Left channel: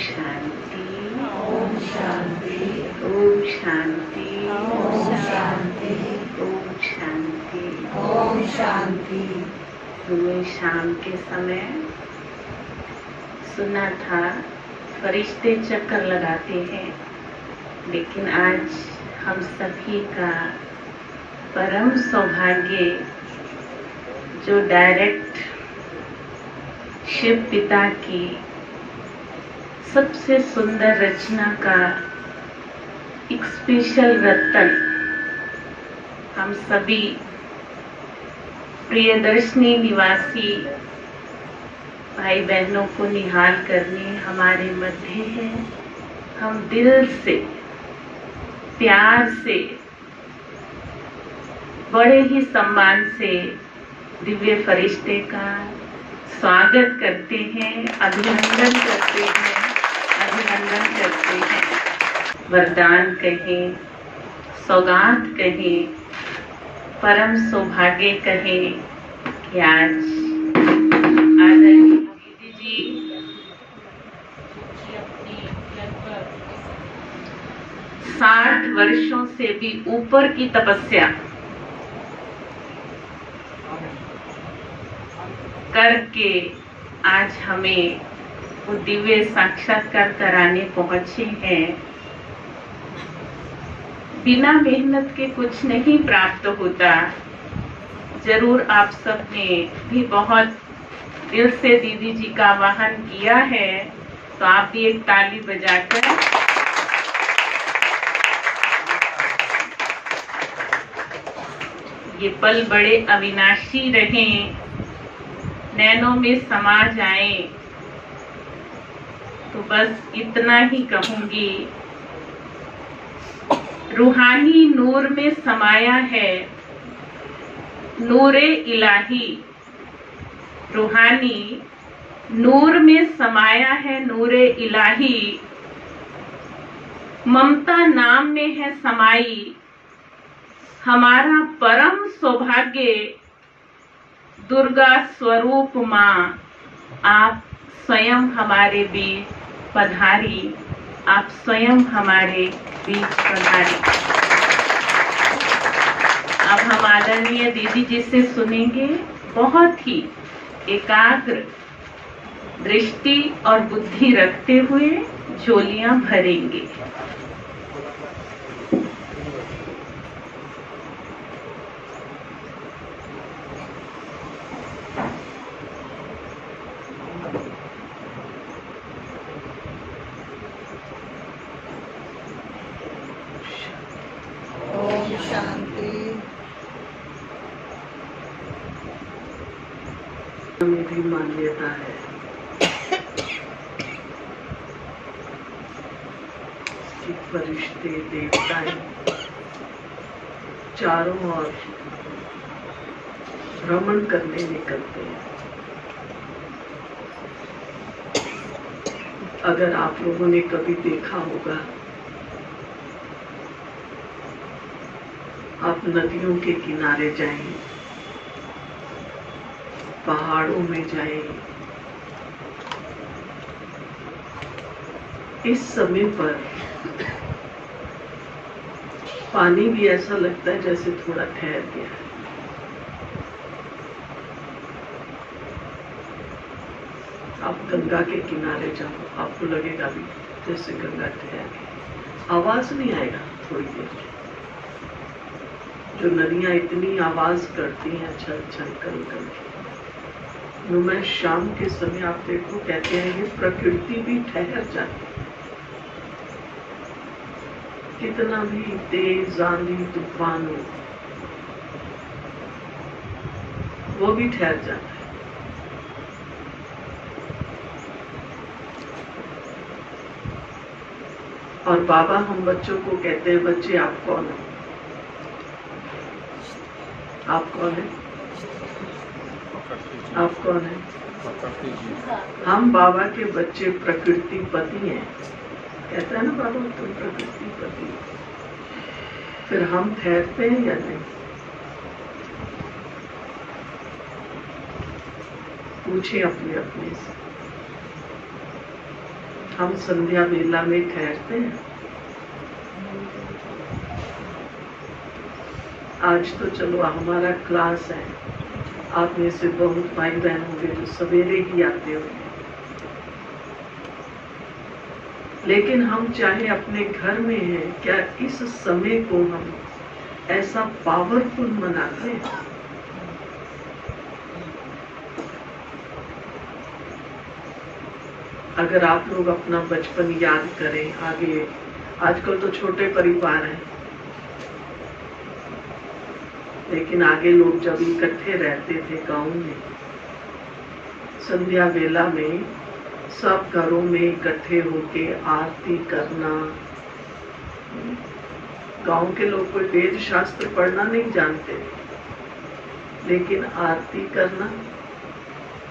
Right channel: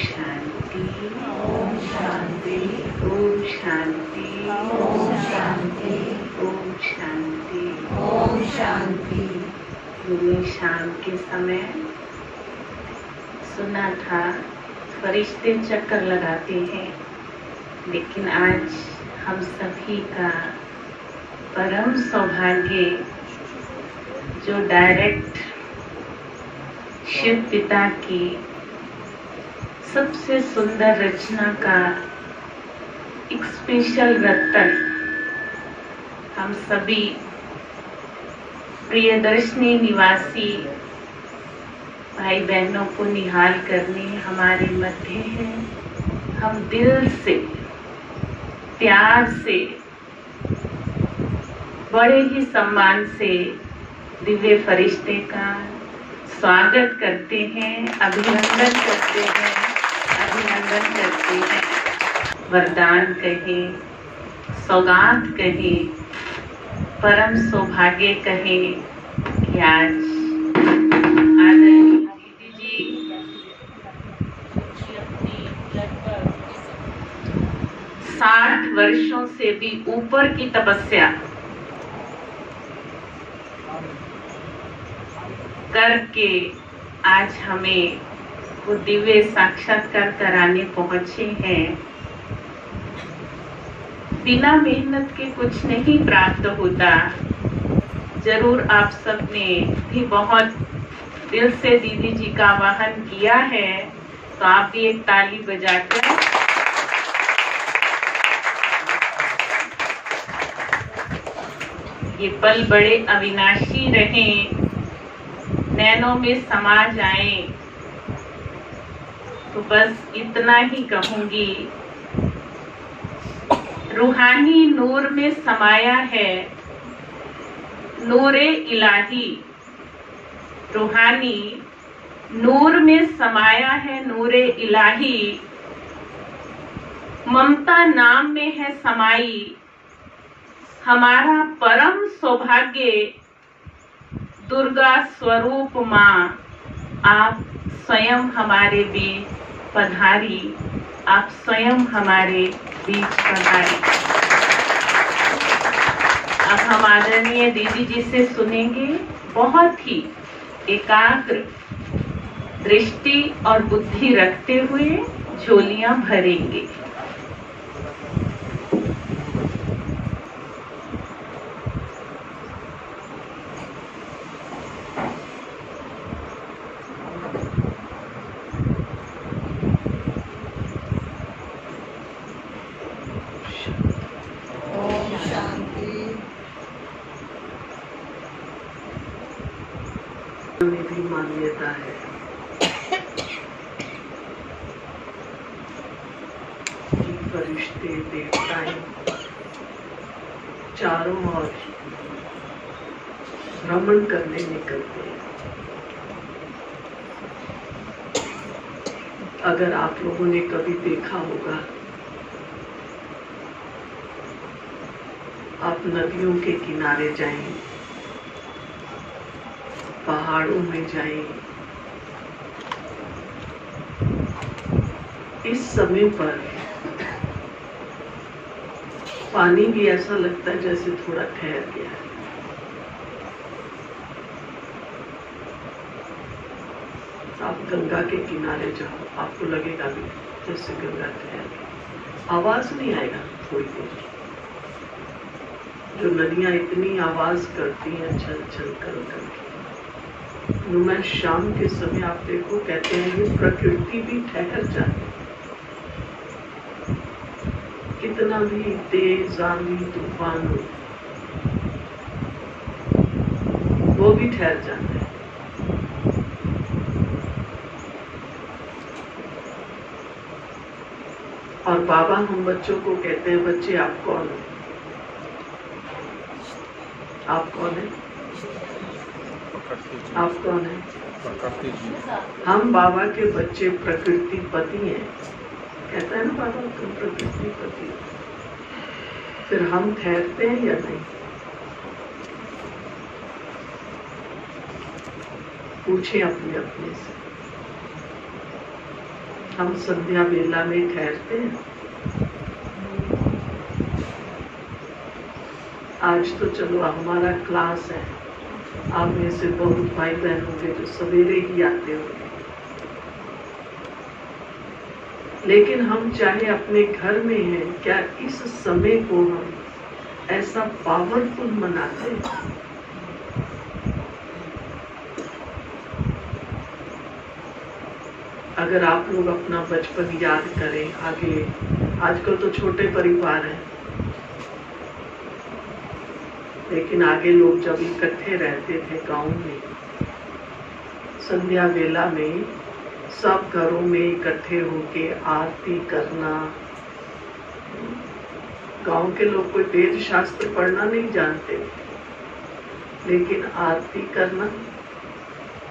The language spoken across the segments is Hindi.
शांति, ओम शांति, ओम शांति, ओम शांति, ओम शांति, ओम शांति। हमने शाम के समय सुना था फरिश्ते चक्कर लगाते हैं, लेकिन आज हम सभी का परम सौभाग्य जो डायरेक्ट शिव पिता की सबसे सुंदर रचना का एक स्पेशल रत्न हम सभी प्रियदर्शनी निवासी भाई बहनों को निहाल करने हमारे मध्य है। हम दिल से प्यार से बड़े ही सम्मान से दिव्य फरिश्ते का स्वागत करते हैं, अभिनंदन करते हैं, अभिनंदन करते हैं। वरदान कहें, सौगात कहें, परम सौभाग्य कहें कि आज आदरणीय दीदी जी अपनी लगभग 60 वर्षों से भी ऊपर की तपस्या करके आज हमें वो दिव्य साक्षात्कार कराने पहुंचे हैं। बिना मेहनत के कुछ नहीं प्राप्त होता। जरूर आप सबने भी बहुत दिल से दीदी जी का आह्वान किया है, तो आप भी एक ताली बजाकर ये पल बड़े अविनाशी रहें, नैनों में समा जाए। तो बस इतना ही कहूंगी, रूहानी नूर में समाया है नूरे इलाही। रूहानी नूर में समाया है नूरे इलाही। ममता नाम में है समाई हमारा परम सौभाग्य। दुर्गा स्वरूप माँ आप स्वयं हमारे बीच पधारी, आप स्वयं हमारे बीच पधारी। अब हम आदरणीय दीदी जी से सुनेंगे, बहुत ही एकाग्र दृष्टि और बुद्धि रखते हुए झोलियां भरेंगे। में भी मान्यता है कि फरिश्ते देवताएं चारों ओर भ्रमण करने निकलते हैं। अगर आप लोगों ने कभी देखा होगा, आप नदियों के किनारे जाएं, पहाड़ों में जाएं, इस समय पर पानी भी ऐसा लगता है जैसे थोड़ा ठहर गया। आप गंगा के किनारे जाओ, आपको लगेगा भी जैसे गंगा ठहर गई। आवाज नहीं आएगा थोड़ी देर। जो नदियां इतनी आवाज करती हैं छल छल कर करके, मैं शाम के समय आप देखो, कहते हैं कि प्रकृति भी ठहर जाती है। कितना भी तेज आंधी तूफान हो, वो भी ठहर जाता है। और बाबा हम बच्चों को कहते हैं, बच्चे आप कौन हो? आप कौन है? आप कौन है? हम बाबा के बच्चे प्रकृति पति हैं। कहता है ना बाबा, तुम प्रकृति पति। फिर हम ठहरते हैं या नहीं? पूछे अपने अपने से। हम संध्या वेला में ठहरते हैं। आज तो चलो हमारा क्लास है, आप में से बहुत भाई बहन होंगे जो सवेरे ही आते होंगे, लेकिन हम चाहे अपने घर में हैं, क्या इस समय को हम ऐसा पावरफुल मनाते हैं? अगर आप लोग अपना बचपन याद करें, आगे आजकल तो छोटे परिवार हैं, लेकिन आगे लोग जब इकट्ठे रहते थे गांव में, संध्या वेला में सब घरों में इकट्ठे होके आरती करना। गांव के लोग कोई वेद शास्त्र पढ़ना नहीं जानते, लेकिन आरती करना,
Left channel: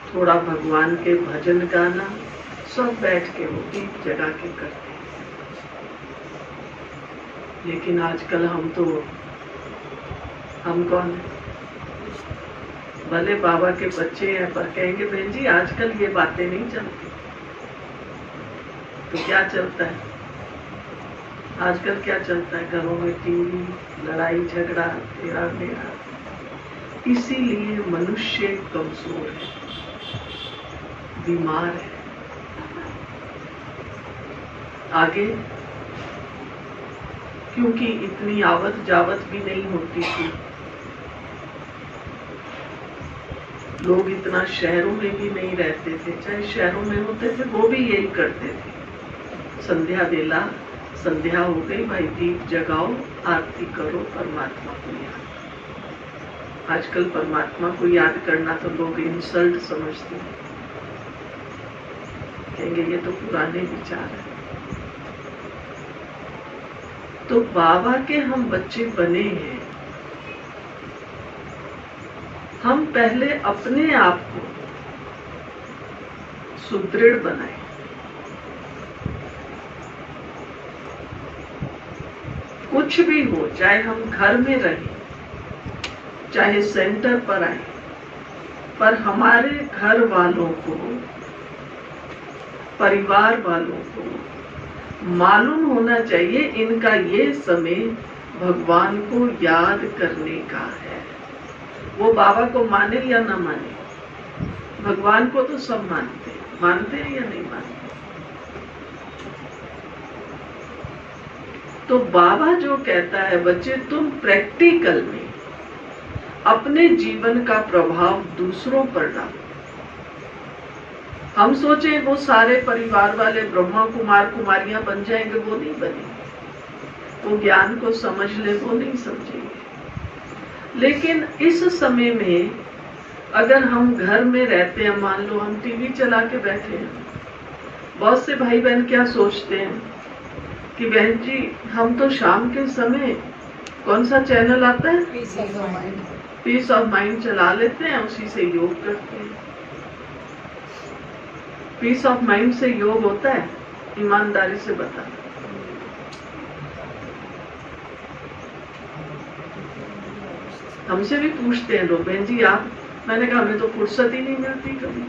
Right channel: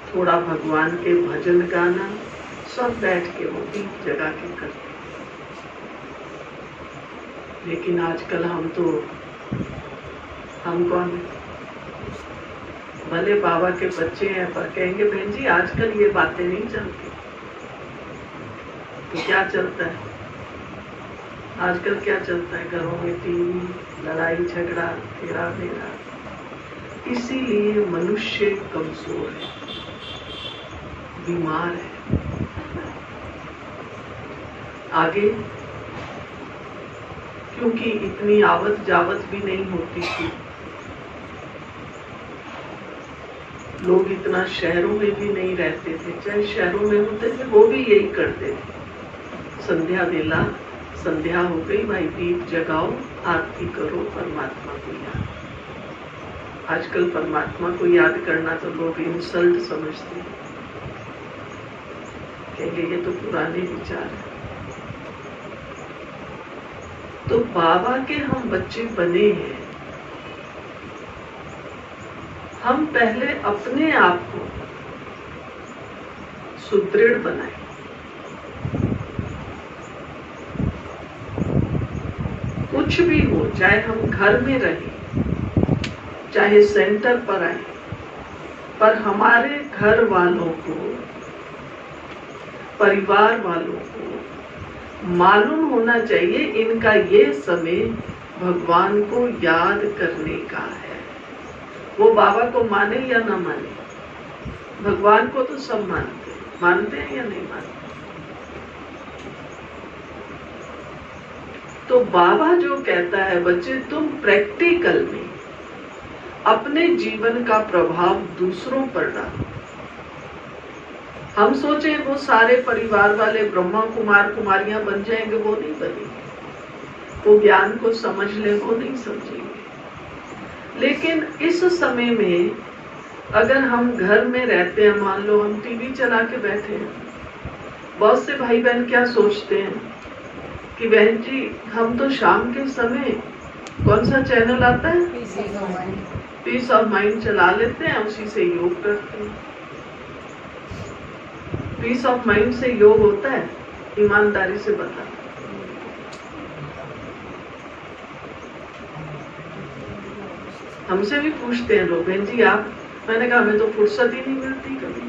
थोड़ा भगवान के भजन गाना, सब बैठ के वो दीप जगा के करते। लेकिन आजकल हम कौन है? भले बाबा के बच्चे हैं, पर कहेंगे बहन जी आजकल ये बातें नहीं चलती। तो क्या चलता है आजकल? क्या चलता है? घरों में टीवी, लड़ाई झगड़ा, तेरा मेरा। इसीलिए मनुष्य कमजोर है, बीमार है। आगे क्योंकि इतनी आवत जावत भी नहीं होती थी, लोग इतना शहरों में भी नहीं रहते थे, चाहे शहरों में होते थे वो भी यही करते थे। संध्या वेला, संध्या हो गई भाई, दीप जगाओ, आरती करो, परमात्मा को याद। आजकल परमात्मा को याद करना तो लोग इंसल्ट समझते हैं, कहेंगे ये तो पुराने विचार है। तो बाबा के हम बच्चे बने हैं, हम पहले अपने आप को सुदृढ़ बनाए। कुछ भी हो, चाहे हम घर में रहें, चाहे सेंटर पर आए, पर हमारे घर वालों को, परिवार वालों को मालूम होना चाहिए इनका ये समय भगवान को याद करने का है। वो बाबा को माने या ना माने, भगवान को तो सब मानते हैं या नहीं मानते? तो बाबा जो कहता है बच्चे तुम प्रैक्टिकल में अपने जीवन का प्रभाव दूसरों पर डालो। हम सोचे वो सारे परिवार वाले ब्रह्मा कुमार कुमारियां बन जाएंगे, वो नहीं बनेंगे। वो ज्ञान को समझ ले, वो नहीं समझेंगे। लेकिन इस समय में अगर हम घर में रहते हैं, मान लो हम टीवी चला के बैठे हैं, बहुत से भाई बहन क्या सोचते हैं कि बहन जी हम तो शाम के समय कौन सा चैनल आता है, पीस ऑफ माइंड चला लेते हैं, उसी से योग करते हैं। पीस ऑफ माइंड से योग होता है? ईमानदारी से बता। हमसे भी पूछते हैं लोग, बहन जी आप, मैंने कहा हमें तो फुर्सत ही नहीं मिलती कभी।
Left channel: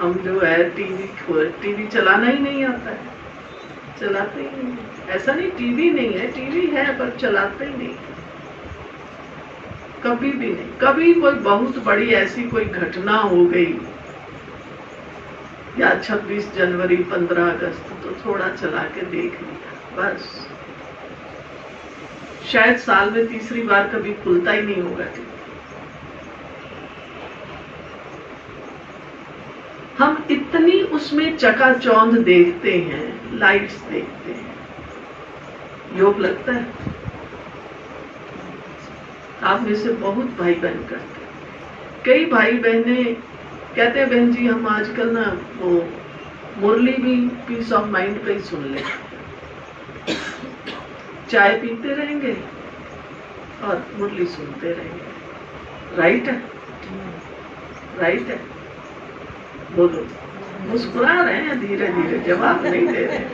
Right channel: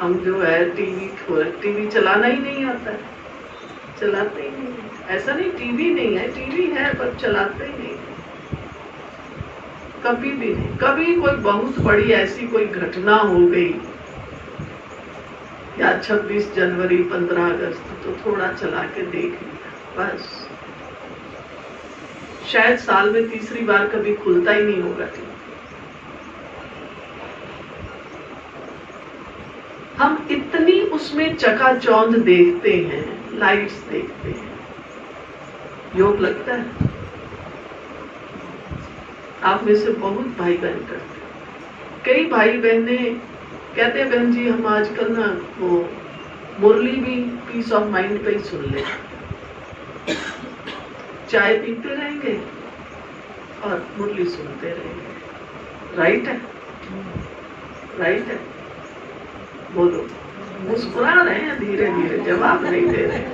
हम जो है टीवी चलाना ही नहीं आता है, चलाते ही नहीं। ऐसा नहीं टीवी नहीं है, टीवी है पर चलाते ही नहीं, कभी भी नहीं। कभी कोई बहुत बड़ी ऐसी कोई घटना हो गई या 26 जनवरी 15 अगस्त तो थोड़ा चला के देख लिया, बस। शायद साल में तीसरी बार कभी खुलता ही नहीं होगा टीवी। हम इतनी उसमें चकाचौंध देखते हैं, लाइट्स देखते हैं, योग लगता है? आप में से बहुत भाई बहन करते हैं। कई भाई बहने कहते हैं बहन जी हम आजकल ना वो मुरली भी पीस ऑफ माइंड पे ही सुन ले, चाय पीते रहेंगे और मुरली सुनते रहेंगे। राइट है? राइट है? बोलो। मुस्कुरा रहे हैं धीरे धीरे, जवाब नहीं दे रहे हैं।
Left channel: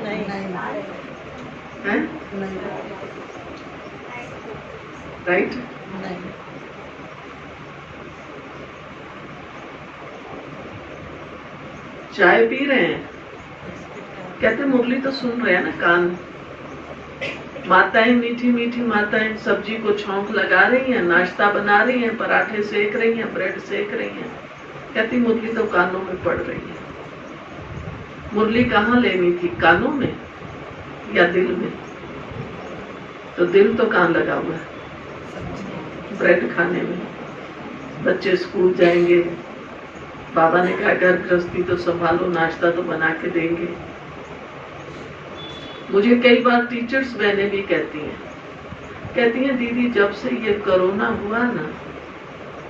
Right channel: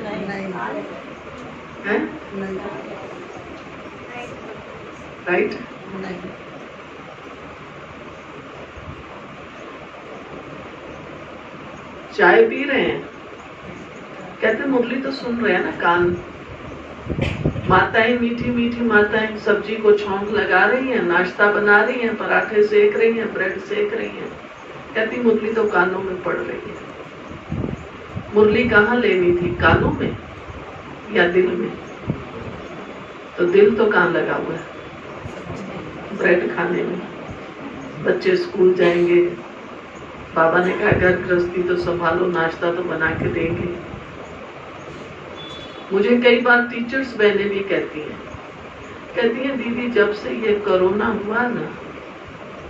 राइट? चाय पी रहे हैं कहते मुरली तो सुन रहे हैं ना, कान। माताएं, मीठी मीठी माताएं सब्जी को छौंक लगा रही हैं, नाश्ता बना रही हैं, पराठे सेक रही हैं, ब्रेड सेक रही हैं। कहती मुरली तो कानों में पड़ रही है। मुरली कहाँ लेनी थी, कानों में या दिल में? तो दिल तो कहाँ लगा हुआ है? ब्रेड खाने में। बच्चे स्कूल जाएंगे, बाबा ने कहा घर गृहस्थी तो संभालो, नाश्ता तो बना के देंगे। मुझे कई बार टीचर्स बहनें भी कहती हैं दीदी जब से ये कोरोना हुआ ना,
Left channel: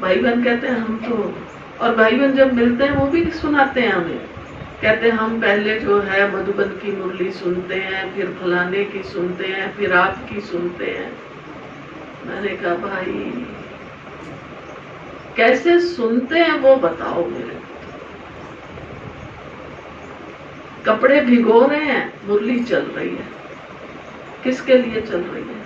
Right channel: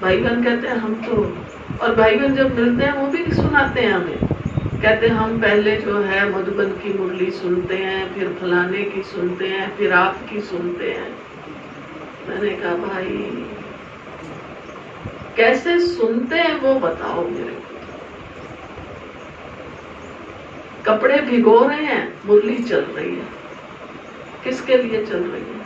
भाई बहन कहते हैं हम तो, और भाई बहन जब मिलते हैं वो भी सुनाते हैं हमें, कहते हैं हम पहले जो है मधुबन की मुरली सुनते हैं, फिर फलाने की सुनते हैं, फिर आपकी सुनते हैं। मैंने कहा भाई कैसे सुनते हैं वो बताओ मेरे को। कपड़े भिगो रहे हैं, मुरली चल रही है, किसके लिए चल रही है?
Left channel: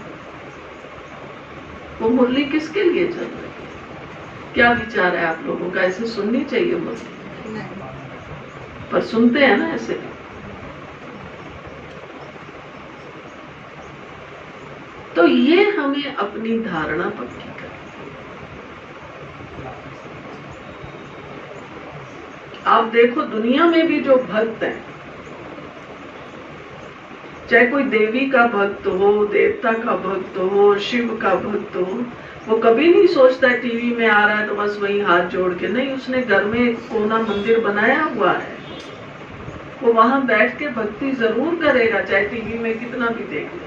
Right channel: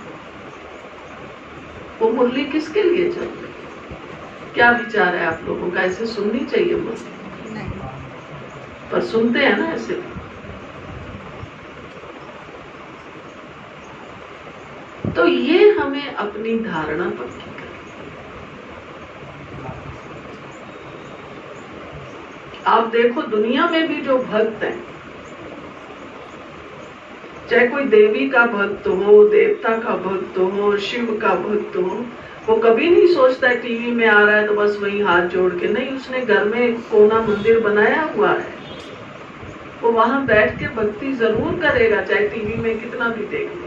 वो मुरली किसके लिए चल रही है? क्या विचार है आप लोगों का? ऐसे सुननी चाहिए मुरली? नहीं, पर सुनते हैं ना ऐसे। तो ये हमें अपनी धारणा पक्की करनी। आप देखो दुनिया में भी जो भक्त हैं, चाहे कोई देवी का भक्त हो, देवता का भक्त हो, शिव का भक्त हो, वो कभी नहीं सोचता है टीवी में आ रहा है तो बस वही हाथ जोड़ के, नहीं, उसने घर में एक कोना मंदिर बनाया हुआ है, वो वहां बैठ के भक्ति जरूर करेगा, चाहे टीवी में कितना भी देख ले।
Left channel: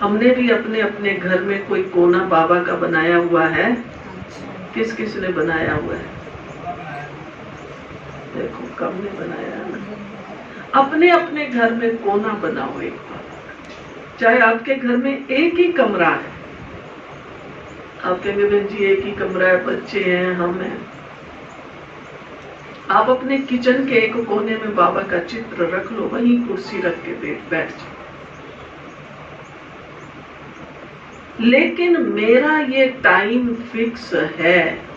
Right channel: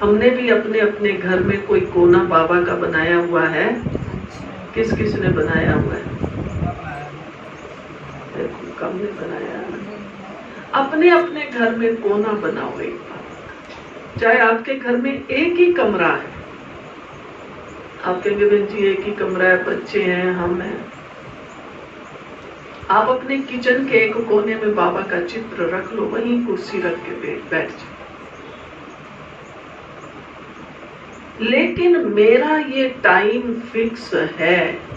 हमने भी अपने अपने घर में कोई कोना बाबा का बनाया हुआ है। किस किस ने बनाया हुआ है? देखो कब ने बनाया ना। अपने अपने घर में कोना बनाओ एक, चाहे आपके घर में एक ही कमरा है, आपके विवेक जी एक ही कमरा है, बच्चे हैं, हम हैं, आप अपने किचन के एक कोने में बाबा का चित्र रख लो, वहीं कुर्सी रख के बैठ जाओ। लेकिन मेरा ये टाइम फिक्स है,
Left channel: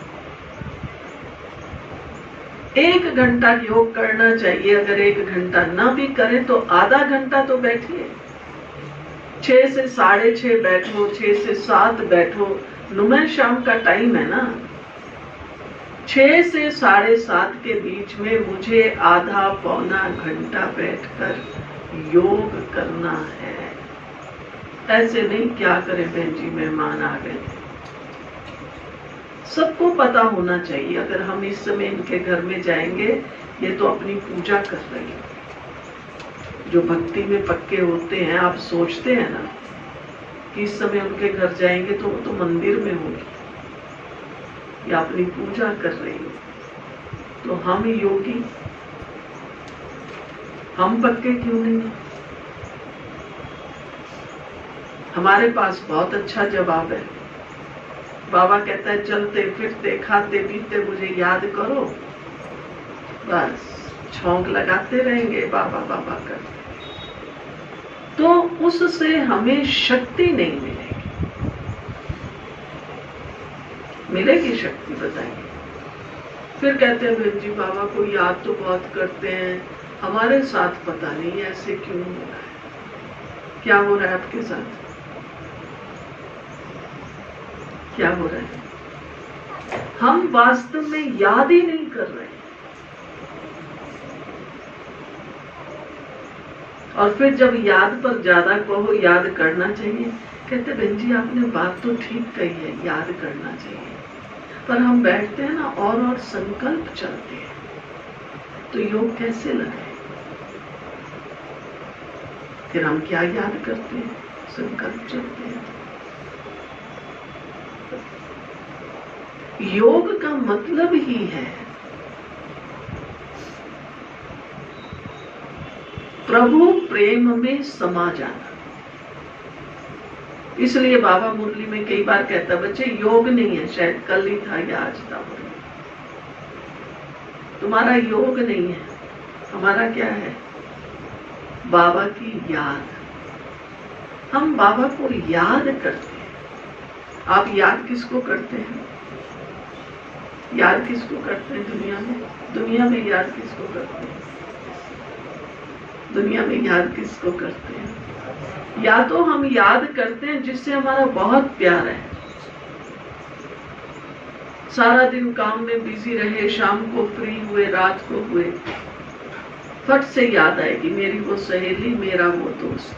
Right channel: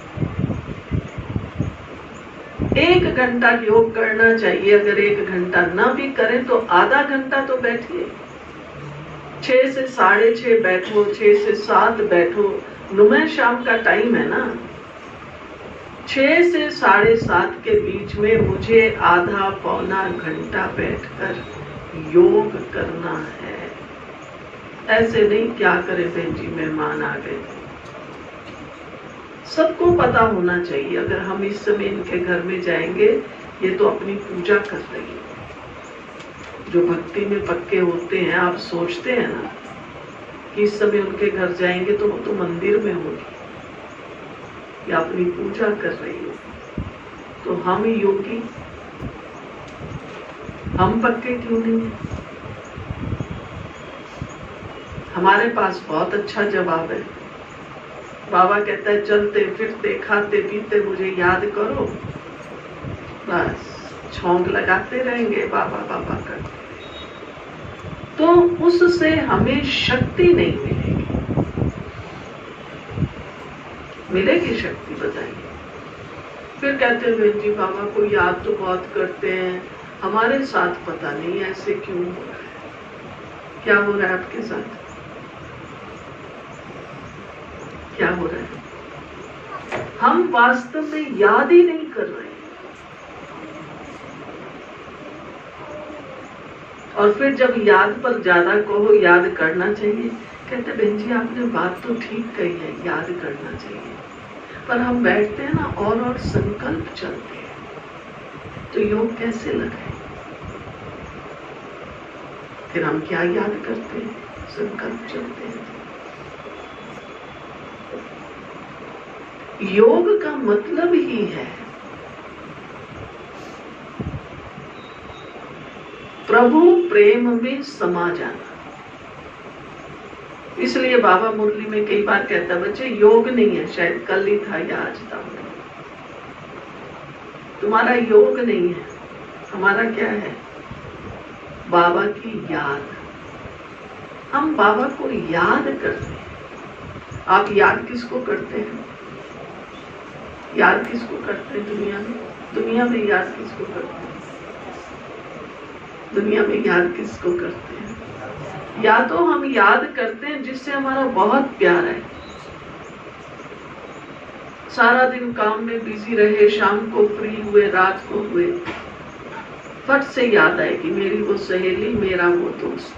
1 घंटा योग करना चाहिए। अगर 1 घंटा ना भी करें तो आधा घंटा तो बैठिए। 6 से 6:30 बैठो, 6 से 7 बैठो। नुमा शाम का टाइम है ना, 6 से 7:30 के बीच में मुझे आधा पौना घंटा बैठकर योग करना है। ऐसे नहीं क्या करे बहन जी मेहमान आ गए थे। सबको पता होना चाहिए, अगर हम इस समय इनके घर में जाएंगे, ये तो अपनी पूजा कर रही है। जो भक्ति में पक्के होते हैं, आप सोचते हैं ना कि इस समय उनके घर जाएंगे तो वो तो मंदिर में होगी या अपनी पूजा कर रही है। तो हम योगी, हम पक्के क्यों नहीं है? हमारे पास बहुत अच्छा जवाब है। बाबा कहता है चलते फिरते खाते पीते मुझे याद करो, बस छौंक लगाते रहेंगे बाबा बाबा कर, तो उससे हमें शक्ति नहीं मिलेगी। मिलेगी शक्ति बताइए? फिर कहते हैं बहन जी बाबा को याद तो बहुत करते हैं, हमारे साथ पता नहीं ऐसे क्यों हो रहा है। क्या हो रहा है आपके साथ? क्या हो रहा है? हम वास्तव में याद ही नहीं कर रहे। और फिर जब याद पर ज्यादा कहो याद करना चाहिए, कहते बहन जी आपने बात तो ठीक कही है, याद करना चाहिए, पर हम बैठते हैं ना और संकल्प चलते हैं, तो योग कैसे लगाए? फिर हम क्या याद करते हैं? संकल्प चलते हैं। योग का मतलब ही है प्रभु प्रेम में समा जाना। इसलिए बाबा मुरली में कई बार कहता बच्चे योग नहीं है, शायद कल ही था या आज था, तुम्हारा योग नहीं है, हमारा क्या है? बाबा की याद। हम बाबा को याद करते हैं। आप याद किसको करते हैं? याद किसको करते हैं दुनिया में? दुनिया में याद किसको करते हैं? दुनिया में याद किसको करते हैं? या तो हम याद करते हैं जिससे हमारा बहुत प्यार है, सारा दिन काम में बिजी रहे, शाम को फ्री हुए, रात को हुए, फट से याद आएगी मेरी वो सहेली, मेरा वो दोस्त,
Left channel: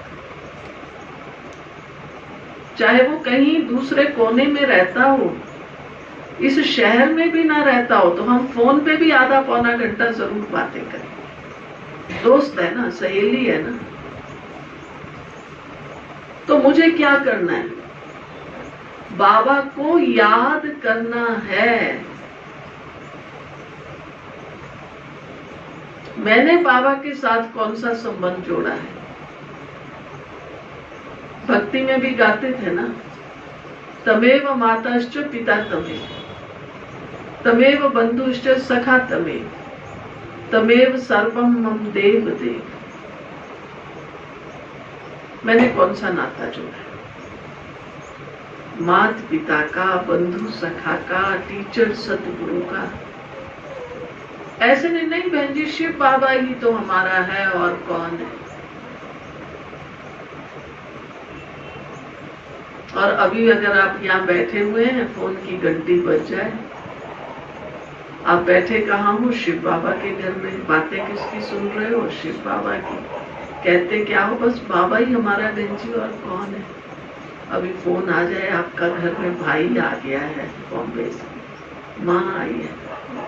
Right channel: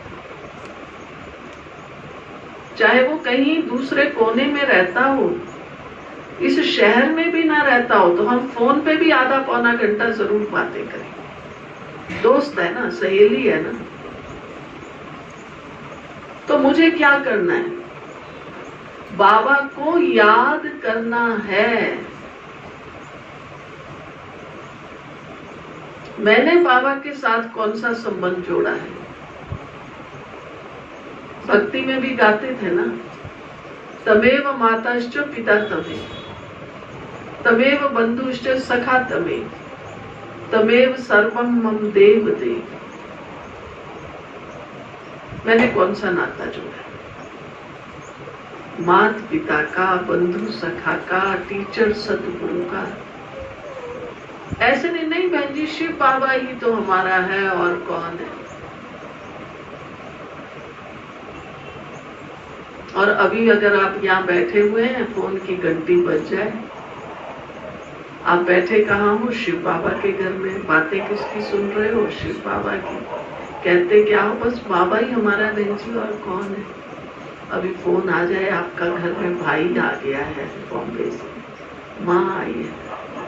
चाहे वो कहीं दूसरे कोने में रहता हो, इस शहर में भी ना रहता हो, तो हम फोन पे भी आधा पौना घंटा जरूर बातें करें। दोस्त है ना, सहेली है ना। तो मुझे क्या करना है? बाबा को याद करना है। मैंने बाबा के साथ कौन सा संबंध जोड़ा है? भक्ति में भी गाते थे ना, तमेव माताश्च पिता तमेव, तमेव बंधुश्च सखा तमेव, तमेव सर्वम मम देव देव। मैंने कौन सा नाता जोड़ा है? माता पिता का, बंधु सखा का, टीचर सतगुरु का। ऐसे नहीं बहन जी, शिव बाबा ही तो हमारा है और कौन है। और अभी अगर आप यहाँ बैठे हुए हैं, फोन की घंटी बज जाए, आप बैठे कहाँ हो? शिव बाबा के घर में। बातें किसकी सुन रहे हो? शिव बाबा की। कहते क्या हो? बस बाबा ही हमारा बहन जी, और कौन है। अभी फोन आ जाए आपका, घर में भाई आ गया है बॉम्बे से, माँ आई है,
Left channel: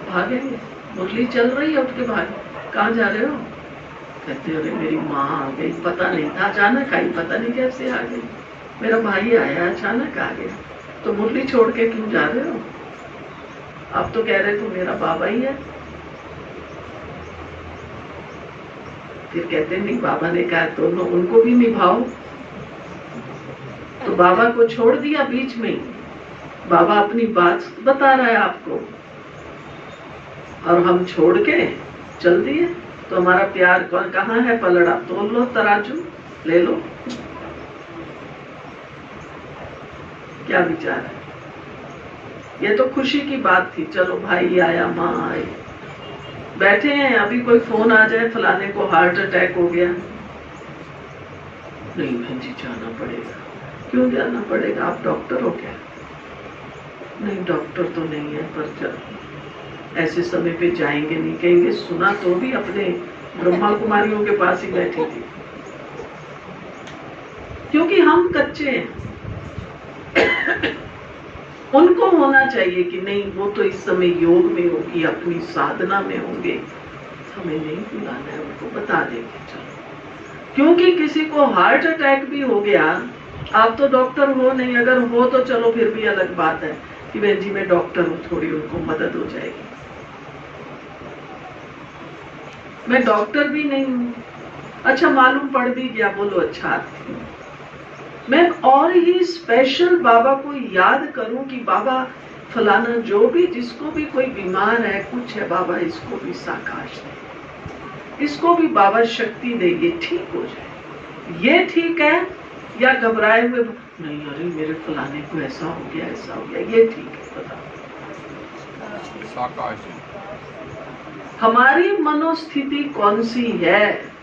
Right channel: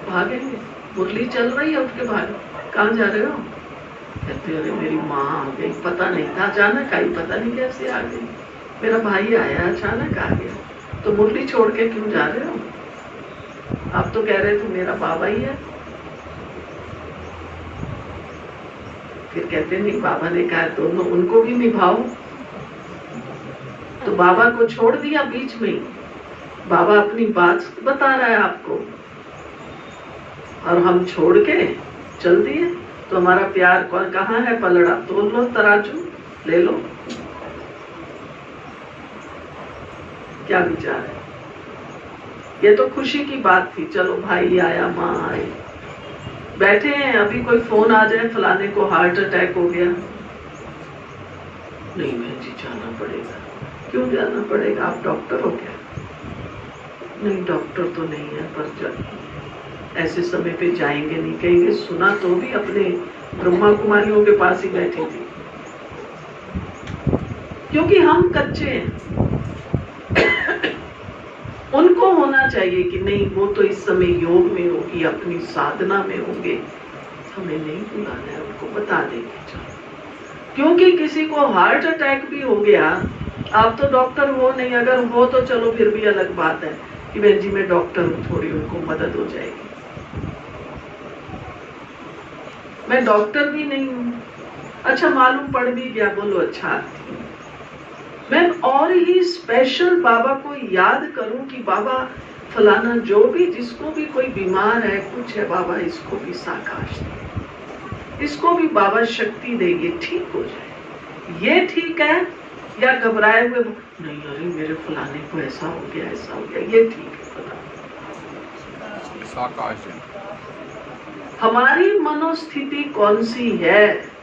भागेंगे? मुरली चल रही है, उठ के भाग। कहाँ जा रहे हो? कहते अरे मेरी माँ आ गई, पता नहीं था, अचानक आई, पता नहीं कैसे आ गई, मेरा भाई आया, अचानक आ गया। तो मुरली छोड़ के क्यों जा रहे हो? आप तो कह रहे थे मेरा बाबा ही है। फिर कहते नहीं, बाबा ने कहा दोनों उनको भी निभाओ। तो बाबा को छोड़ दिया बीच में ही। बाबा अपनी बात बता रहा है आपको, और हम छोड़ के चल दिए। तो हमारा प्यार कौन कहाँ है? पलड़ा तोल लो, तराजू ले लो। क्या विचार है? ये तो खुशी की बात थी, चलो भाई आया, माँ आई, बैठे हैं। अभी कोई फोन आ जाए, फलाने को हार्ट अटैक हो गया, नहीं बहन जी जाना पड़ेगा। क्यों जाना पड़ेगा? आप डॉक्टर हो क्या? नहीं डॉक्टर तो नहीं है, पर चल ऐसे समय पे जाएंगे नहीं, कहेंगे सुना तो भी अपने ब्रह्मा कुमारियों के पास ही बैठी थी। क्योंकि हम कच्चे हैं। उनको होना चाहिए कि नहीं, वो तो इस समय योग में होगी, अपनी साधना में होंगे, हमें नहीं बुलाना है, उनको बता देंगे। क्योंकि किसी को हार्ट अटैक भी हो गया, आप तो डॉक्टर हो नहीं, अगर हो तो चलो फिर भी अलग बात है कि बहन जी मैं डॉक्टर हूँ, थोड़ी उनको मदद हो जाएगी। मैं डॉक्टर भी नहीं हूँ, अच्छा मालूम पड़ भी गया, बोलो अच्छा आती हूँ। मैं और ही स्पेशल बाबा को याद करूं कि बाबा फलाना जो भी, जिसको भी कोई बीमार है, कुछ है, बाबा इसको भी साकाश दे, इसको भी बाबा शक्ति देंगे, ठीक हो जाए। ये ठीक है या घबराए हुए नहीं, अरे मेरे फलाने को ऐसा हो गया, ऐसा हो गया, ये ठीक है? बताओ हमारी मनोस्थिति कौन सी है?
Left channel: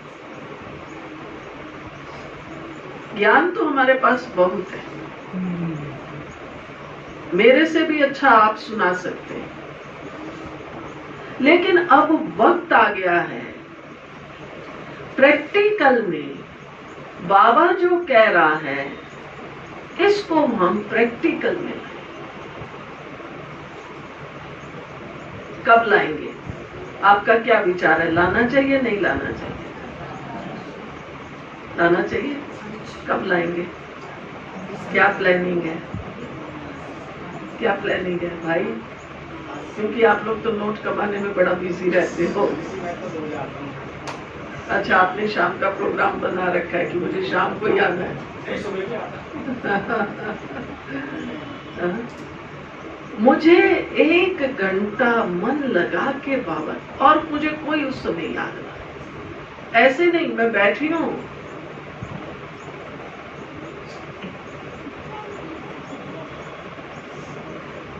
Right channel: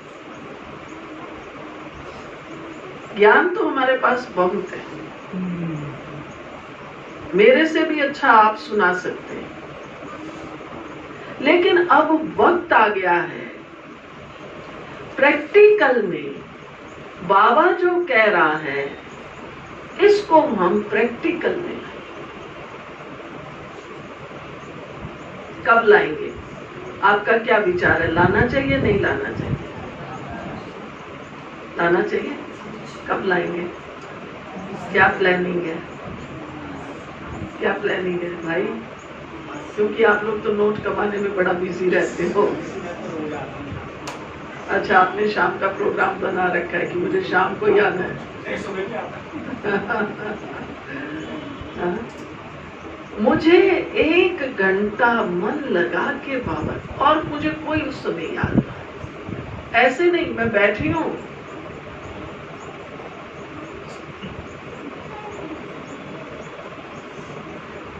ज्ञान तो हमारे पास बहुत है, मेरे से भी अच्छा आप सुना सकते हैं, लेकिन अब वक्त आ गया है प्रैक्टिकल में बाबा जो कह रहा है इसको हम प्रैक्टिकल में कब लाएंगे? आपका क्या विचार है? लाना चाहिए नहीं लाना चाहिए? लाना चाहिए। कब लाएंगे? क्या प्लानिंग है? क्या प्लानिंग है भाई? क्योंकि आप लोग तो नोट कमाने में बड़ा बिजी रहते हो। अच्छा आपने शाम का प्रोग्राम बना रखा है कि मुझे शाम को जाना है। मुझे 1 घंटा मन लगा के बाबा, और मुझे कोई उस समय याद नहीं, ऐसे नहीं मैं बैठी हूँ,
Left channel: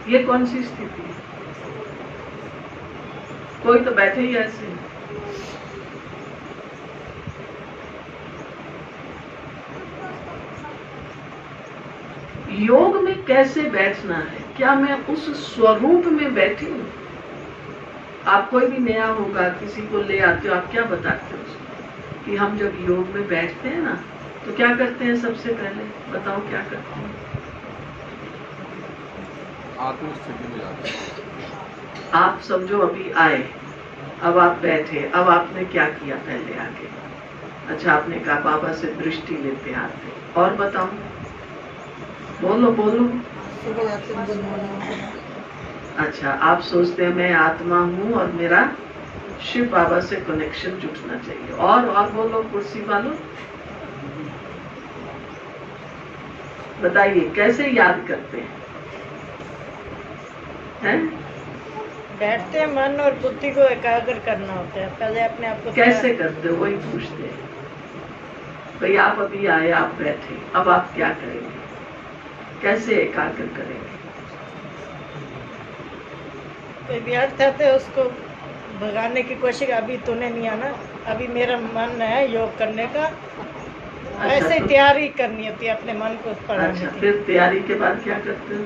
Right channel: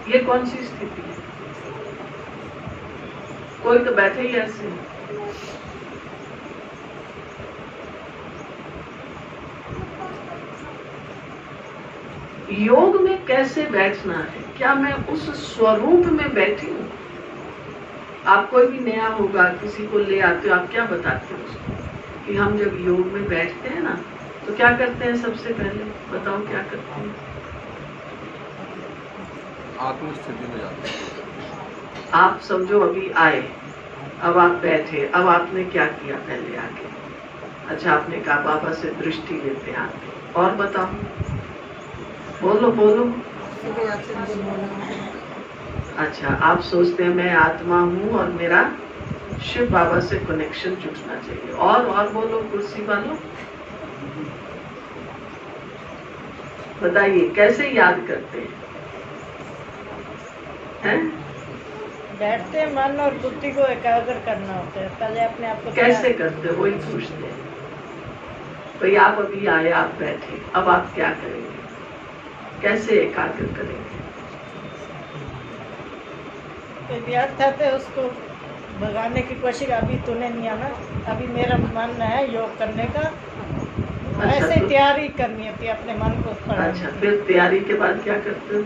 ये कौन सी स्थिति है? कोई तो बैठे ही ऐसे, योग में कैसे बैठना है, क्या मैं उस स्वरूप में बैठी हूँ? आप कोई भी नया होगा, किसी को ले आते हो, आप क्या बताते हो उसको कि हम जब योग में बैठते हैं ना तो क्या करते हैं? सबसे पहले बताओ क्या करते हैं? आत्म स्थिति में जाते हैं। आप समझो अभी आए, अब आप बैठे, अब आपने क्या किया? पहले आके अच्छा आपने कहा बाबा से दृष्टि लेते आते, और बताओ, बोलो बोलो। अच्छा आप सोचते हैं मैं आत्मा हूँ और मेरा शिव बाबा से कनेक्शन जुटना चाहिए, और बोलो कुर्सी वालों, बताइए कैसे याद करते हैं? बैठते हैं, मन और बुद्धि को एकाग्र करना होता है। पहले अपने आप को कैसे करते हो वही पूछते हैं। भाई आप अभी आए, आप बैठे, अब आप क्या करेंगे? कैसे एकाग्र करेंगे? याद करते उसको भगाने की कोशिश, अभी तूने नहीं आना, अभी मेरा मन है योग करने का। ऐसे तो तैयारी करनी होती है अपने मन को पढ़ाने अच्छा, की। फिर तैयारी के बाद क्या करते हो?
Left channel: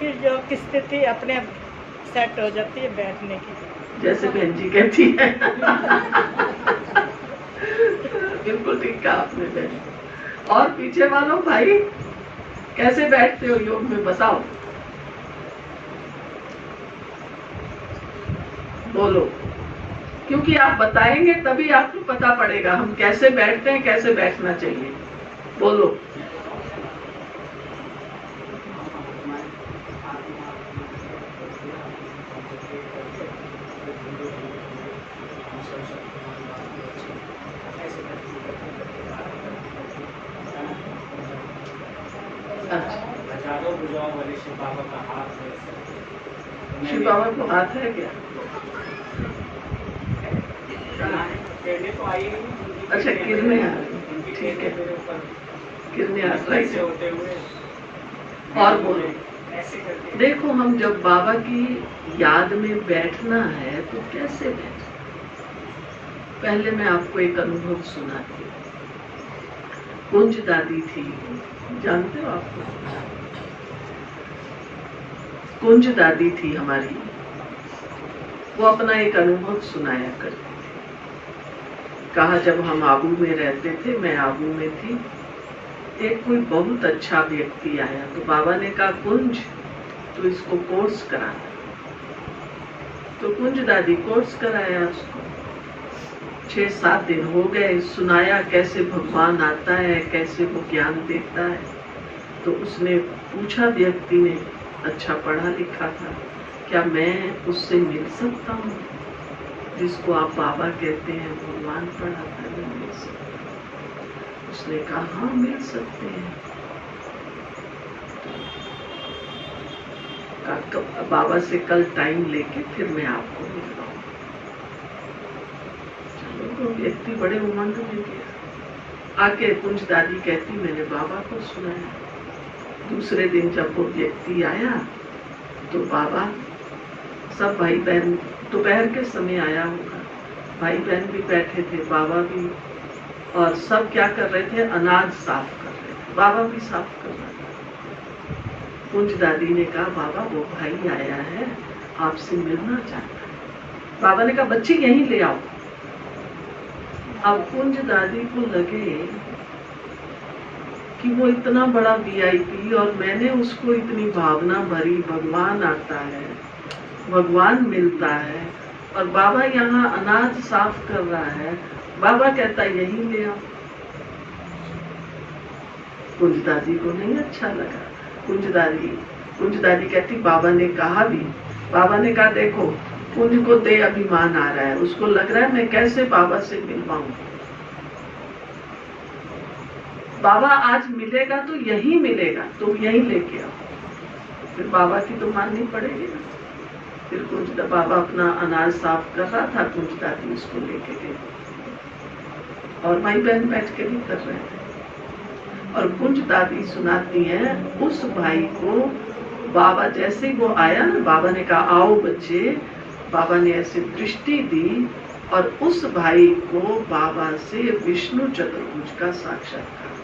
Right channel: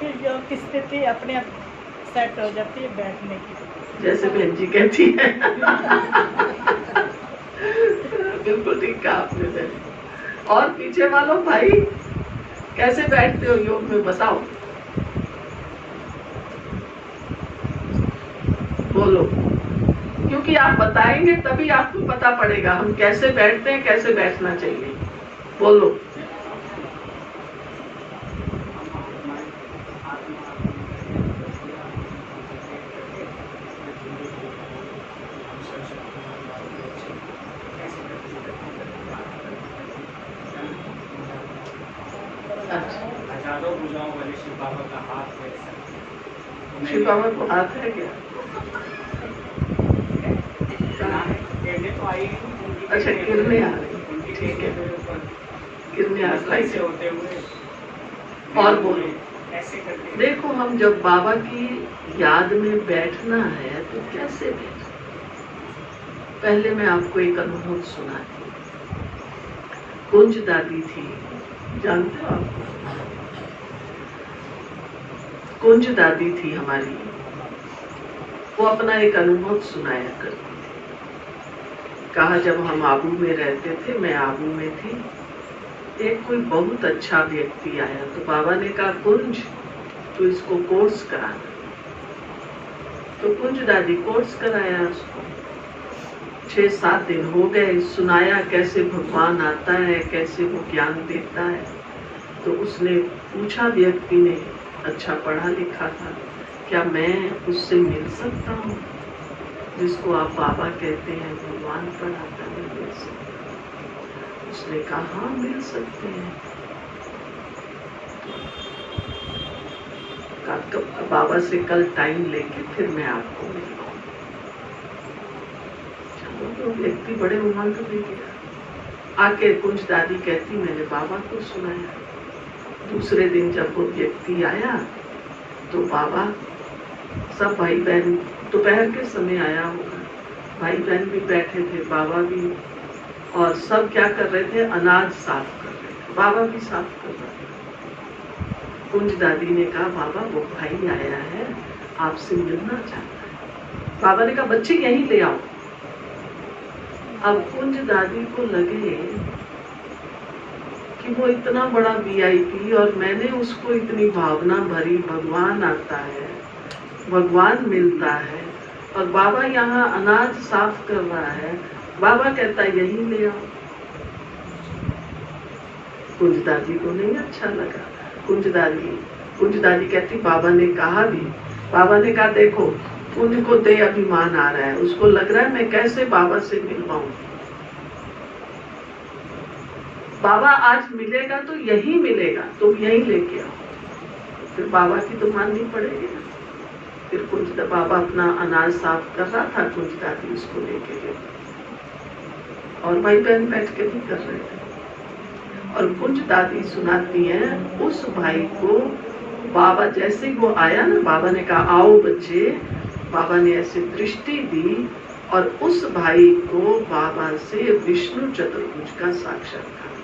फिर योग की स्थिति अपने आप सेट हो जाती है बैठने की। जैसे बहन जी कहती है बिल्कुल ठीक कहा आपने बहन। और पीछे वालों भाई कैसे बैठते हो योग में, बताओ, बोलो, क्योंकि आप बताएंगे तभी आपको पता पड़ेगा हम कैसे बैठते हैं, कैसे बैठना चाहिए। बोलो। हजारों भुजाओं वाले शिव बाबा का हाथ है। शिव बाबा को हाथ है क्या? अच्छा किरने आ रही, ठीक है, किरने आ रही होते हुए और बोलो। देखो हम जब बाबा की याद में बैठना है तो कैसे बैठना? पहले मैं आपको एक अनुभव सुनाती हूँ। कुंज दादी थी, जानते हो आप? कुंज दादी थी हमारी, वो अपना एक अनुभव सुनाया करती थी। कहा जब हम आबू में रहते थे, मैं आबू में थी, एक कोई बहुत अच्छा व्यक्ति आया तो बाबा ने कहा कुंज तो इसको कोर्स करा। तो कुंज दादी कोर्स कराया उसको। 6-7 दिन हो गए, सुनाया कैसे भगवान आता है, कैसे वो ज्ञान देता है। तो उसने पूछा, व्यक्ति ने, अच्छा पढ़ा लिखा था, क्या मैं उससे मिल सकता हूँ जिसको आप बाबा कहते हैं, भगवान पढ़ाता है, मिल सकते? उसने कहा हाँ मिल सकते हैं। बाबा से कल टाइम लेके फिर मैं आपको मिलवाऊंगा। चलो तो व्यक्ति बड़े उमंग में गया। आके कुंज दादी कहती मैंने बाबा को सुनाया। दूसरे दिन जब वो व्यक्ति आया तो बाबा, सब भाई बहन, दोपहर के समय आया होगा, भाई बहन भी बैठे थे, बाबा भी, और सब क्या कर रहे थे? अनाज साफ कर रहे थे, बाबा भी साफ कर रहे थे। कुंज दादी ने कहा बाबा वो भाई आया है, आपसे मिलना चाहता है। बाबा ने कहा बच्चे यहीं ले आओ। अब कुंज दादी को लगे कि वो इतना बड़ा VIP और मैंने उसको इतनी भावना भरी, भगवान आता है, भगवान मिलता है, और बाबा यहाँ अनाज साफ कर रहा है, बाबा कहता है यहीं ले आओ। कुंज दादी को नहीं अच्छा लगा। कुंज दादी कहती बाबा ने कहा भी, बाबा ने कहा देखो कुंज को दे अभिमान आ रहा है, उसको लग रहा है मैं कैसे बाबा से मिलवाऊं। बाबा आज मिलेगा तो यही मिलेगा, तुम यही लेके आओ। फिर बाबा की तो माननी पड़ेगी ना। फिर कुंज बाबा अपना अनाज साफ कर रहा था, कुंज दादी उसको लेके गई और भाई बहन बैठ के भी कर रहे थे। और कुंज दादी सुनाती है उस भाई को बाबा जैसे ही वो आया ना, बाबा ने कहा आओ बच्चे, बाबा ने ऐसे दृष्टि दी और उस भाई को बाबा से विष्णु चतुर्भुज का साक्षात्कार।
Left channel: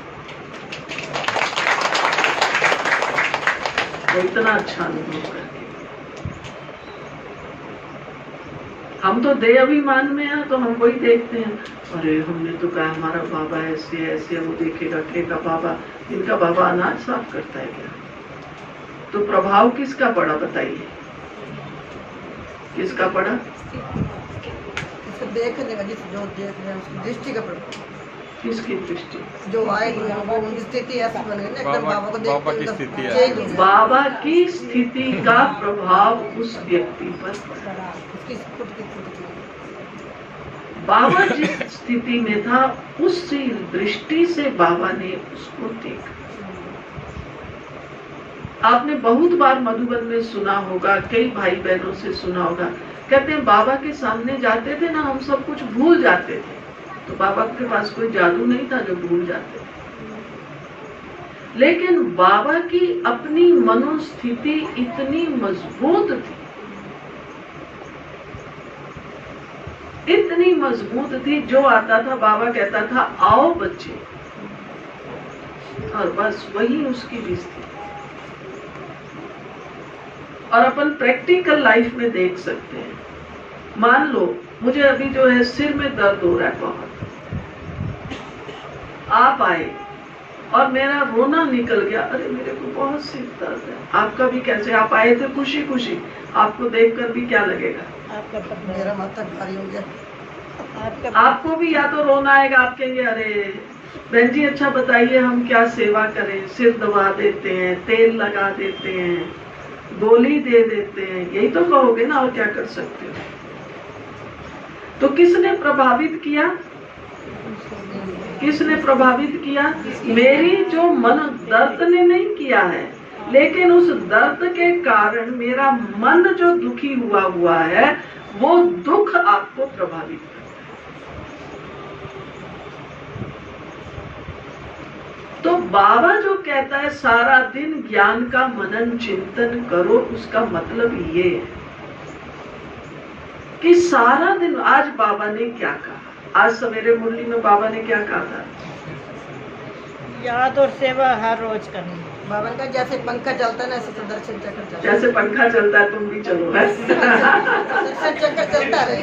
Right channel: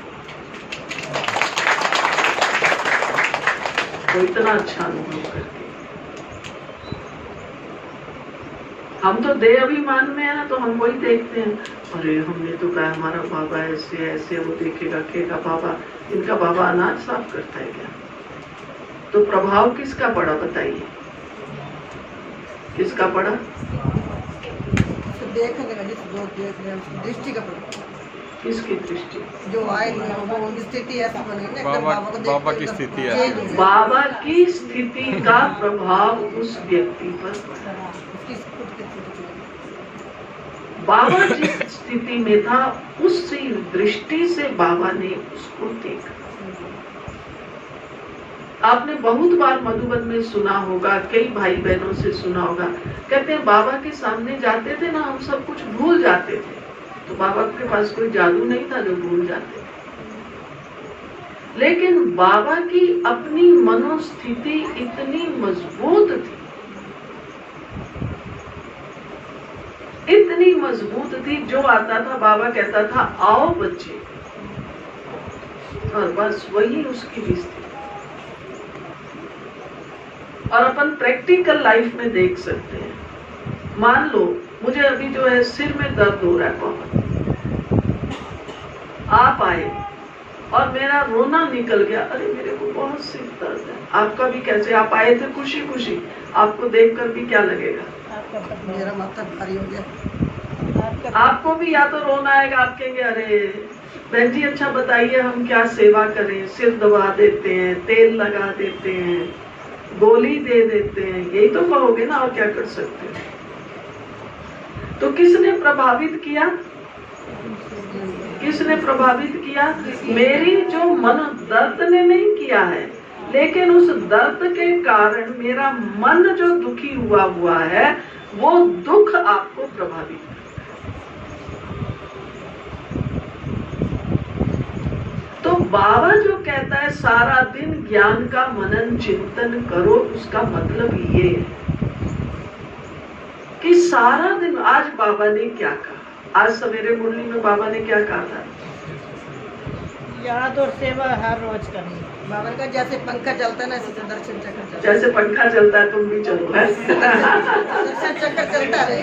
वो इतना अच्छा अनुभव करके। हम तो देह अभिमान में है तो हम वही देखते हैं, अरे हमने तो कहा हमारा बाबा ऐसे ऐसे, वो देखेगा कहेगा बाबा, इनका बाबा अनाज साफ करता है क्या? तो प्रभाव किसका पड़ा बताइए, किसका पड़ा? देखने वाली जो देख रहे हैं उसकी दृष्टि का प्रभाव, किसकी दृष्टि? जो आएगी वो उनकी स्थिति ऐसी बनेगी ना, एकदम बाबा को बाबा की देखते स्थिति एकदम है। change हो गया। बाबा की स्थिति का प्रभाव उस व्यक्ति पर पड़ा। उसकी खुद की स्थिति। बाबा जिस स्थिति में था उसी दृष्टि से बाबा ने उसको देखा। आपने बहुत बार मधुबन में सुना होगा, कई भाई बहनों से सुना होगा, कहते हैं बाबा के सामने जाते थे ना हम सब कुछ भूल जाते थे। तो बाबा के पास कोई जादू नहीं था जो भूल जाते थे, लेकिन बाबा की अपनी मनोस्थिति इतनी मजबूत थी, इतनी मजबूत थी, जो आता था बाबा कहता था आओ बच्चे, और बस वही उसकी लिस्ट थी। और अपन प्रैक्टिकल लाइफ में देख सकते हैं। मान लो मुझे अभी जो है सिर में दर्द हो रहा है बहुत, आप आए और मेरा रोना निकल गया, अरे मेरे को बहुत सिर दर्द है। आपका भी कैसे? आप आए थे खुशी खुशी, आपको देखकर भी क्या लगेगा? मेरा माथा भारी हो गया। आपको भी या तो रोना आएगा, आप कहेंगे अरे बहन जी अच्छा बताइए हम क्या सेवा करें, सिर दबा देते हैं, तेल लगा देते हैं, गोली दे देते हैं, यही तो कहोगे ना, और क्या कर सकते हैं? तो किसने प्रभावित किया? किसने प्रभावित किया? मेरी जो मन दर्द ने नहीं किया है, लेकिन उस दर्द के कारण मेरा मन जो दुखी हुआ है, वो दुख आपको प्रभावित करता है। तो बाबा जो कहता है सारा दिन ज्ञान का मनन चिंतन करो, उसका मतलब ये है कि सारा दिन, आज बाबा ने क्या कहा, आज सवेरे मुरली में बाबा ने क्या कहा था? याद और सेवा हर रोज करनी। बाबा का जैसे पंखा चलता है ना, ऐसे तो दर्शन चक्र चलता है। जैसे पंखा चलता है तुम भी चलो है। दर्शन चक्र चलता रहे,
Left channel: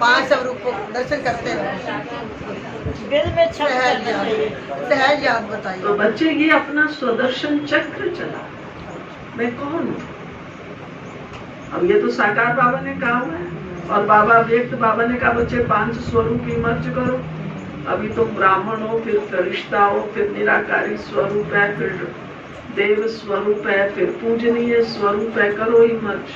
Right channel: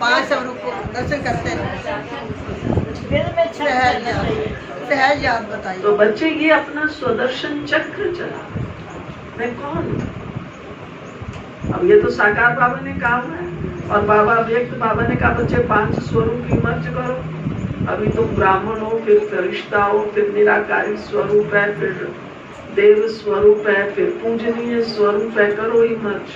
5 रूप को दर्शन करते रहे। दिल में सहज याद, सहज याद तो बताइए। बच्चे ये अपना स्वदर्शन चक्र चला, मैं कौन हूँ? अब ये तो साकार बाबा ने कहा हुआ है, और बाबा व्यक्त बाबा ने कहा बच्चे 5 स्वरूप की मर्ज करो। अभी तुम ब्राह्मण हो, फिर फरिश्ता हो, फिर निराकारी स्वरूप है, फिर देव स्वरूप है, फिर पूजनीय स्वरूप है, करो ही मर्ज।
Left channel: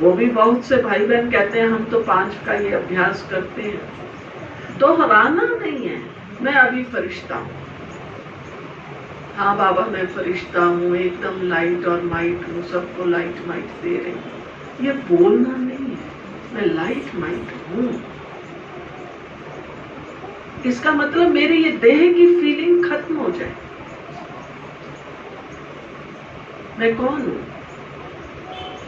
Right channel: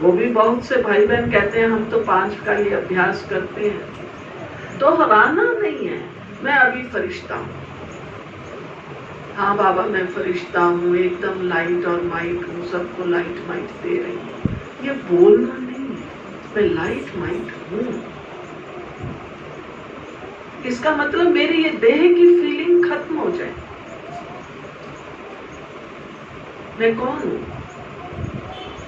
वो भी बहुत से भाई बहन कहते हैं हम तो 5 का ही अभ्यास करते हैं। दोहराना नहीं है, मैं अभी फरिश्ता हूँ, हाँ बाबा मैं फरिश्ता हूँ, एकदम लाइट और माइट हूँ, सबको लाइट माइट दे रही हूँ, ये बोलना नहीं है, मैं लाइट माइट हूँ। इसका मतलब मेरी ये देह की फीलिंग खत्म हो जाए। मैं कौन हूँ?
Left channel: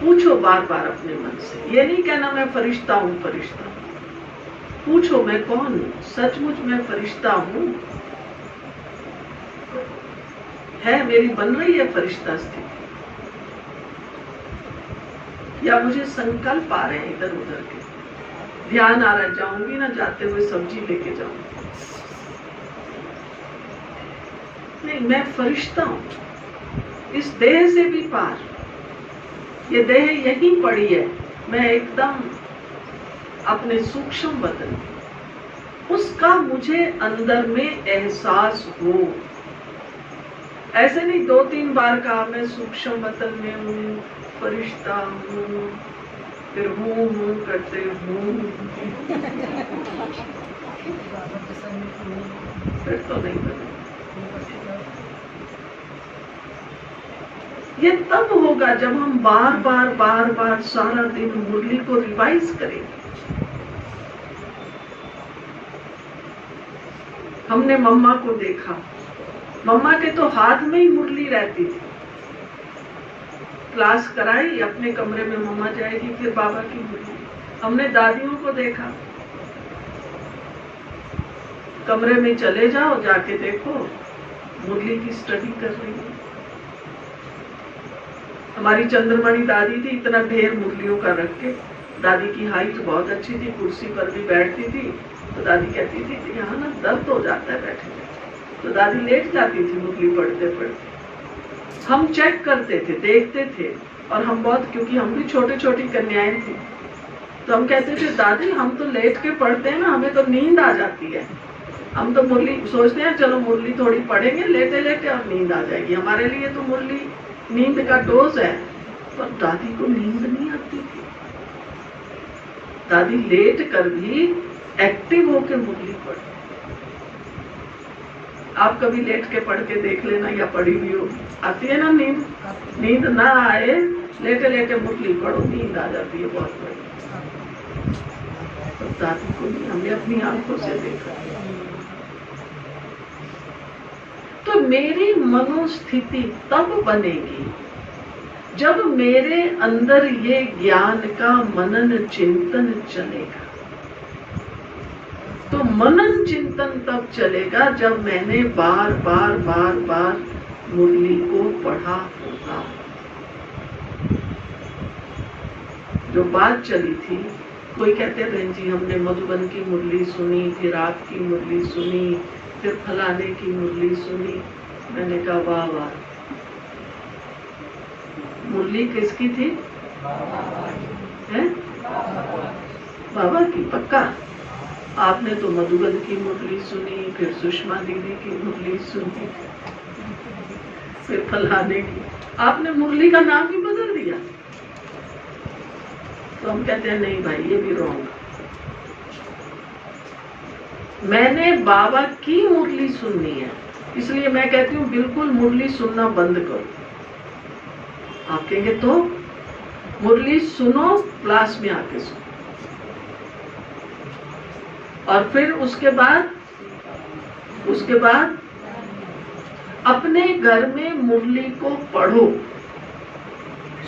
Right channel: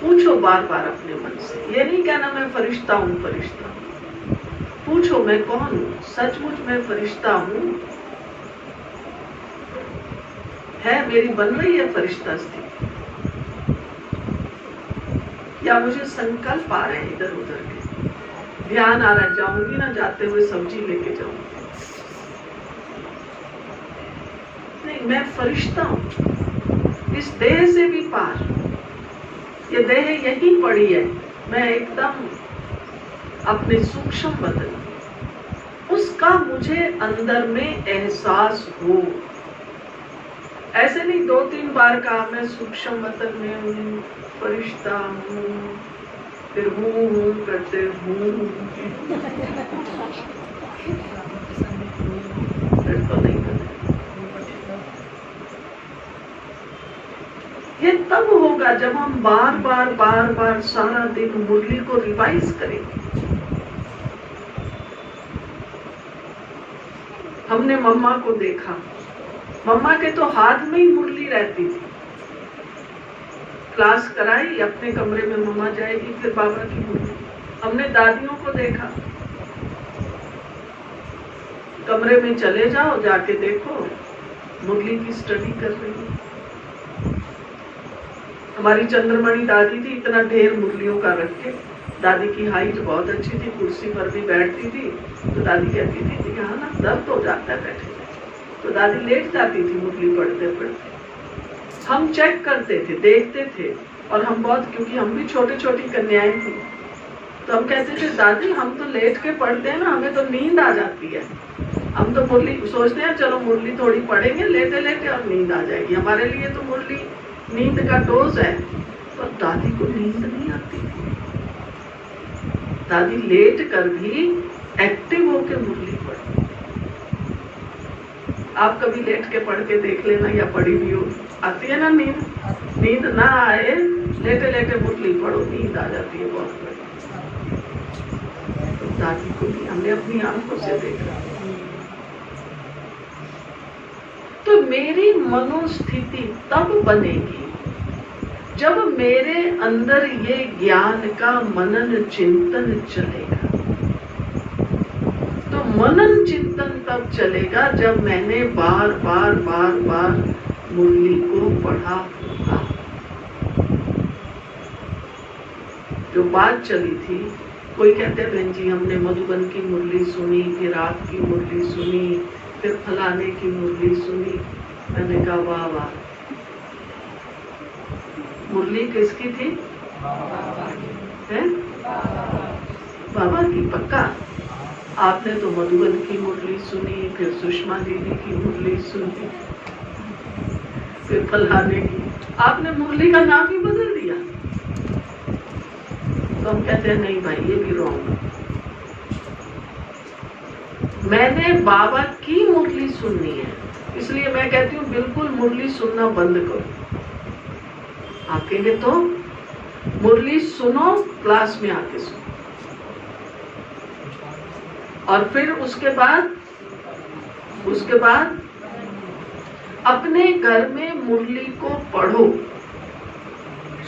पूछो बार बार अपने मन से, ये नहीं कहना मैं फरिश्ता हूँ, फरिश्ता हूँ। पूछो मैं कौन हूँ? सचमुच मैं फरिश्ता हूँ? है मेरी बन रही है फरिश्ता स्थिति, या मुझे संकल्प आ रहे हैं इधर उधर के, ध्यान आ रहा, जाऊंगी ना, जाते हुए सब्जी लेके जाऊंगी, नहीं मैं फरिश्ता हूँ इस देह से भी पार। ये देह यहीं पड़ी है, मैं एकदम अपने सूक्ष्म बदन, उसका मुझे अंदर में एहसास हो। ऐसे नहीं 2-3 बार कहा मैं सूक्ष्म वतन में हूँ, फरिश्ता हूँ, फिर हूँ करते हूँ, फिर तो नहीं करते। ये तब होगा जब हम बार बार सारा दिन मुरली को रिवाइज करेंगे। हमने मम्मा को देखा, मम्मा के तो हाथ में ही मुरली रहती थी। क्लास कराई, अपने कमरे में मम्मा जाएगी, फिर बाबा की मुरली। हमने दादियों को देखा, कमरे में चले जाओ, जाके देखो मुरली की स्टडी कर रही है। हमारी चंद्रमणि दादी थी, इतना ढेर मुरलियों का रख के। दादी की हाइट बहुत अच्छी थी, कुर्सी पर भी बैठती थी। तो दादी कहती थी कि यहाँ ना दर्द हो जाता है बैठे बैठे, तो दादी लेट जाती थी मुरली पढ़ते पढ़ते। हम चेक करते थे, देखते थे, और हम बहुत, क्योंकि हम भी छोटी छोटी कन्याएं थी, तो हम कहते थे दादी हम तो लेट के पढ़ते हैं ना, हमें तो नींद आ जाती है। हम तो मुरली सोचते हैं चलो मुरली थोड़ी पढ़ेंगे लेटे लेटे और नींद आ जाएगी, हमारे लिए तो मुरली नींद का डोज है। पर दादी को नींद नहीं आती थी। दादी लेट कर भी एक्टिव होकर मुरली पढ़ती। आप कभी लेट के पढ़ के देख लेना, या पढ़ी हुई हो, आती है ना नींद? नींद ना आए, लेटे लेटे मुरली पढ़ो, नींद आ जाती है बहुत बड़ी। तो दादी को भी हमने अपनी आंखों से देखा। तो मेरी मनोस्थिति तब बनेगी जब मेरे अंदर ये ज्ञान का मनन चिंतन चलेगा। तो मनन चिंतन तब चलेगा जब मैंने बार बार बार बार मुरली को पढ़ा होगा। जो बात चली थी, कोई कहते बहन जी हमने मधुबन की मुरली सुनी, फिर आपकी मुरली सुनी, फिर फलाने की मुरली सुनी। मैंने कहा वाह वाह, मुरली किसकी थी? है? बाबा की, पक्का। आपने तो मधुबन की मुरली सुनी, फिर सुषमा दीदी की मुरली सुनी, फिर फलाने की। आपने मुरली का नाम ही बदल दिया। तो हम कहते हैं नहीं भाई ये भी रॉन्ग। मैंने बाबा की मुरली सुननी है, इसलिए मैं कहती हूँ बिल्कुल मुरली सुनना बंद करो। आप कहेंगे तो मुरली सुनो, क्लास में आके सुनो, और फिर उसके बाद अपने घर में मुरली को पढ़ो।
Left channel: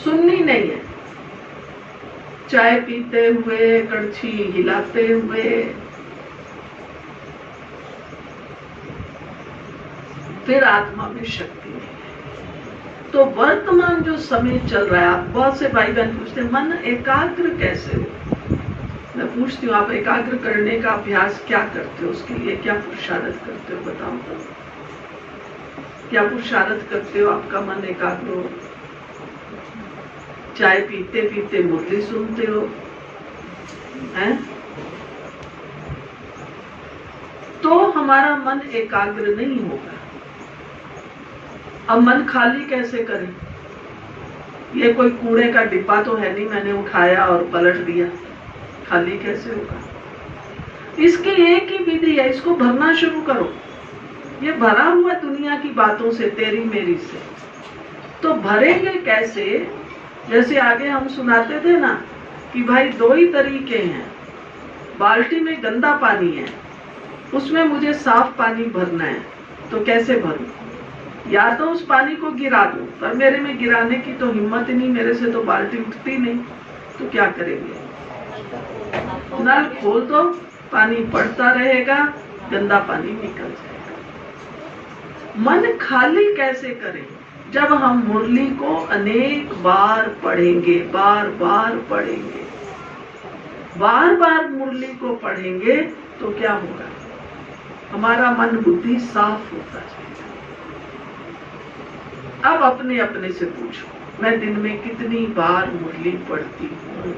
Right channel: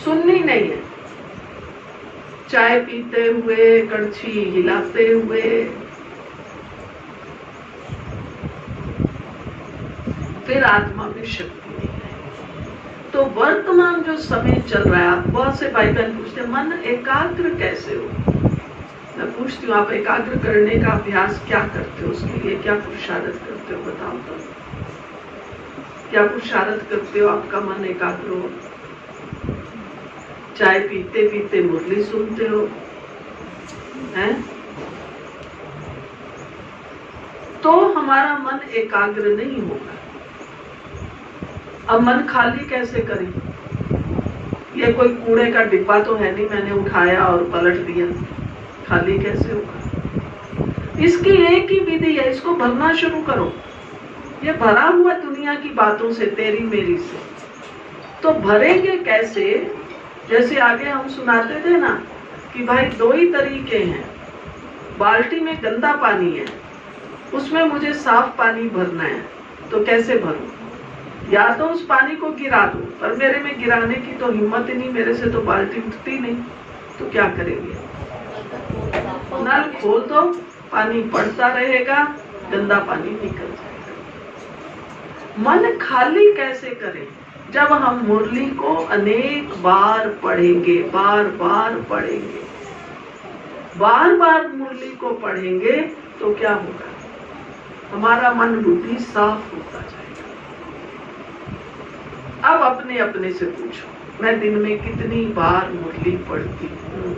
सुननी नहीं है, चाय पीते हुए, कड़छी हिलाते हुए। फिर आत्मा में शक्ति नहीं है। तो वर्तमान जो समय चल रहा है, आप बहुत से भाई बहन पूछते हैं मन एकाग्र कैसे हो। मैं पूछती हूँ आप एकाग्र करने का अभ्यास क्या करते हो, उसके लिए क्या पुरुषार्थ करते हो, बताओ तो। क्या पुरुषार्थ करते हो आपका मन एकाग्र हो? चाय पीते पीते मुरली सुनते हो, हैं? तो हमारा मन एकाग्र नहीं होगा। अब मन खाली कैसे करें? ये कोई कूड़े का डिब्बा तो है नहीं, मैंने उठाया और पलट दिया, खाली कैसे होगा? इसकी एक ही विधि है, इसको भरना शुरू करो। ये भरा हुआ दुनिया की बातों से, तेरी मेरी से। तो भरेंगे कैसे? जैसे आगे हम सुनाते थे ना कि भाई दो ही तरीके हैं। बाल्टी में गंदा पानी है, उसमें मुझे साफ पानी भरना है, तो कैसे भरूं? या तो उस पानी को गिरा दूं, पर मेरे में गिराने की तो हिम्मत ही नहीं, मेरे से तो बाल्टी उठती नहीं। तो क्या करेंगे? नल खोल दो, पानी पड़ता रहेगा, गंदा पानी निकल जाएगा। मन खाली कैसे करें? जब हम मुरली को अनेक बार पढ़ेंगे, बार बार पढ़ेंगे, बार बार मुरली को पढ़ेंगे, तो क्या होगा? हमारा मन बुद्धि साफ होता जाएगा। अब अपने अपने से पूछो, मैं दिन में कितनी बार मुरली पढ़ती हूँ?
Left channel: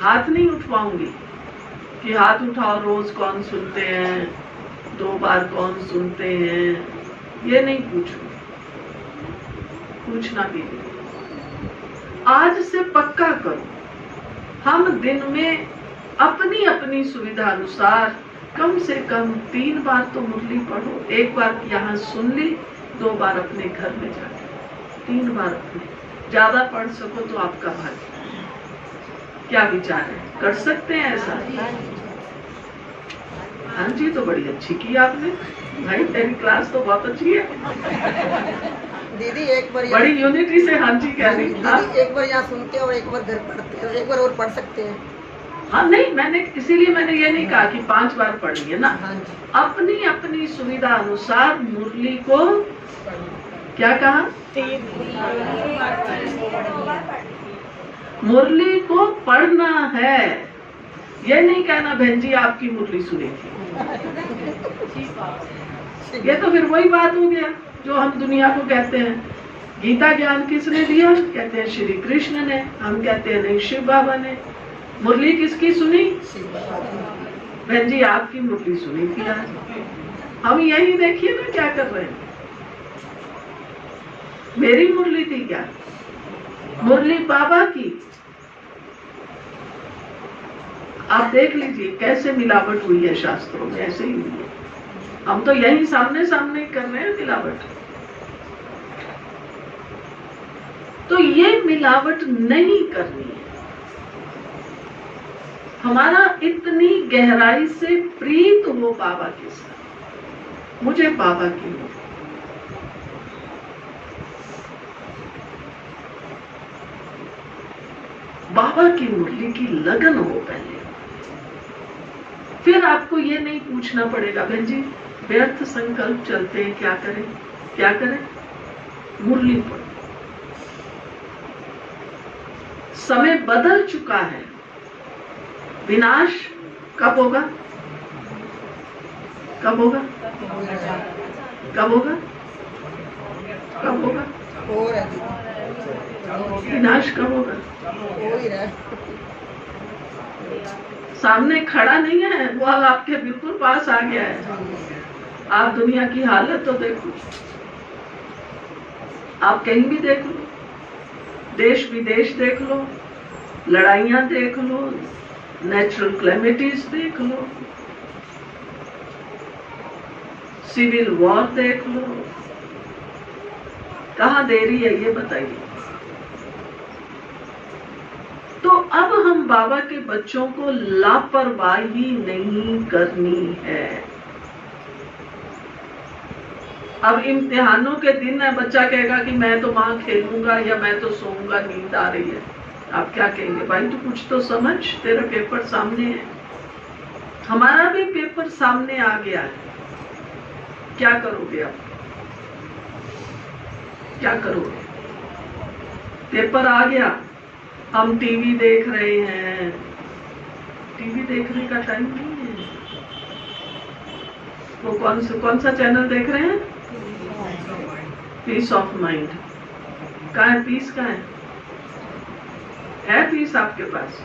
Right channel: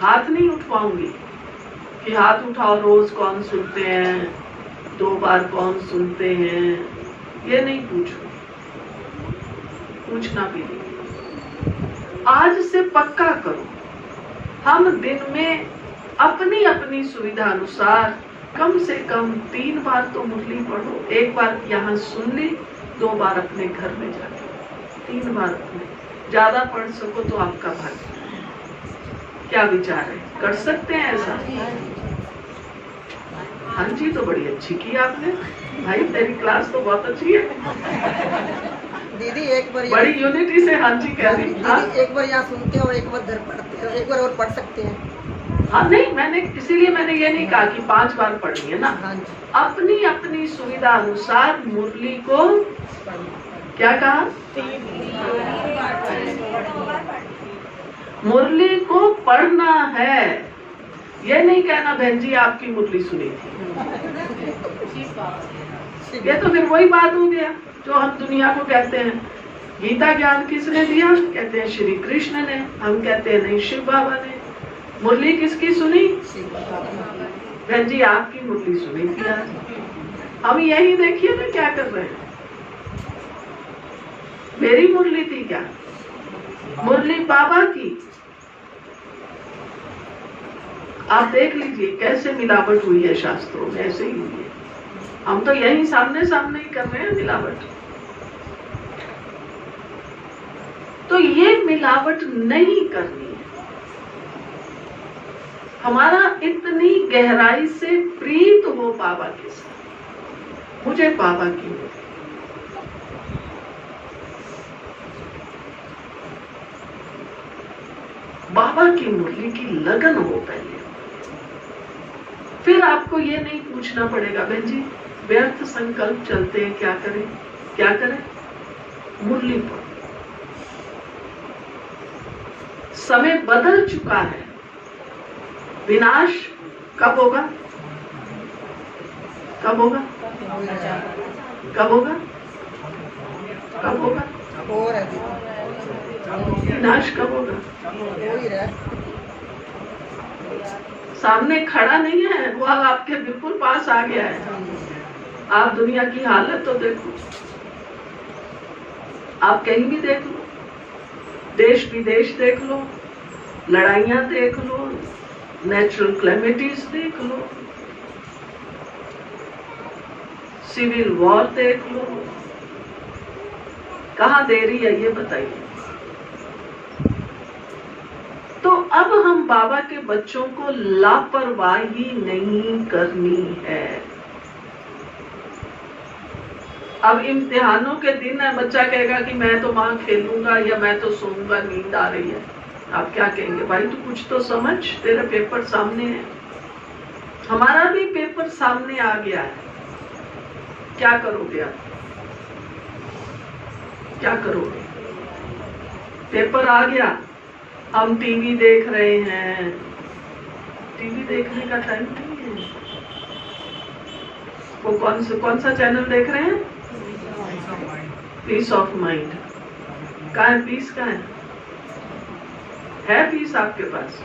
हाथ नहीं उठवाऊंगी कि हाथ उठाओ रोज कौन सुनते हैं, 2 बार कौन सुनते हैं, ये नहीं पूछूंगी, पूछना भी नहीं। आज से पक्का करो, हम दिन में अपनी अपनी सुविधा अनुसार कम से कम 3 बार तो मुरली पढ़ो। 1 बार यहाँ सुन ली, 2 बार अपने घर में जाके, 3 बार अपने, ज्यादा पढ़ सको तो आपका भाग्य। क्या विचार है, कर सकते हैं ऐसा? हाँ जी, तो बड़ी अच्छी की आपने भाई, तेरी क्लास तो बहुत अच्छी है दीदी। एक बार बड़ी यूनिटी से हाँ जी कह रही। दीदी एक बार यहाँ सुनते हो और एक बार घर पढ़ते हो, एक बार और पढ़ सकते हैं। हाँ नहीं, मैंने इसीलिए मैंने ये नहीं कहा कि 5 बार पढ़नी है ना। हाँ जी। अपनी अपनी सुविधा अनुसार मुरली को क्या कहा, मुरली को पढ़ना है। ये नहीं कहना बहन जी आपकी मुरली सुनेगी। ये तो फिर वही बात हो गया जो हम दुनिया को कहते हैं। गीता ज्ञान किसने दिया? कहते हैं श्री कृष्ण ने। हम कहते हैं नहीं, शिव बाबा ने। मुरली किसकी सुनी? बहन जी आपकी मुरली सुनी थी आज। हम यही देखिए ना क्या कर रहे हैं। मेरी मुरली थी क्या? मुरली बाबा की। आप देख लीजिए कैसे मिलावट हुई है शास्त्रों में, ऐसे ही हुई है। हम तो यही सामने सामने कर रहे हैं मिलावट। तो ये मिलावट नहीं करनी है। हमारा इतनी गहराई से प्रीत हो बाबा के साथ। मुझे बाबा की हो, बाबा की मुरली की लगन हो पहले। फिर आपको ये नहीं पूछना पड़ेगा बहन जी व्यर्थ संकल्प चलते हैं, क्या करें क्या करें। मुरली पर समय बदल चुका है। विनाश कब होगा? कब होगा? कब होगा? कब होगा? हो रहा है। विनाश कब होगा? हो ही रहा है। सामने खड़ा नहीं है, वो अब आपके बिल्कुल पास आ गया है। आप दुनिया की हालत तो देखो, आप कहीं भी देख लो, देश विदेश देख लो, लड़ाइयां देख लो, नेचुरल क्लेमिटीज देख लो, सिविल वॉर देख लो। कहाँ देरी है ये बताइए। तो अब हम बाबा के बच्चों को लापरवाही नहीं करनी है। अब इम्तिहानों के दिन है, बच्चा कहेगा कि मैं तो मां खेलूंगा या मैं तो सोऊंगा, नींद आ रही है। आप क्या कहेंगे? भाई तू कुछ तो समझ, तेरा पेपर सामने है। हमारा भी पेपर सामने आ गया है। क्या करोगे आप? क्या करोगे? पेपर आ गया, हम टीवी देख रहे हैं। टीवी देखने का टाइम नहीं है। वो कौन सा चैनल देख रहे हैं? Peace of mind. कहाँ है पीस? कहाँ है पीस आपके पास?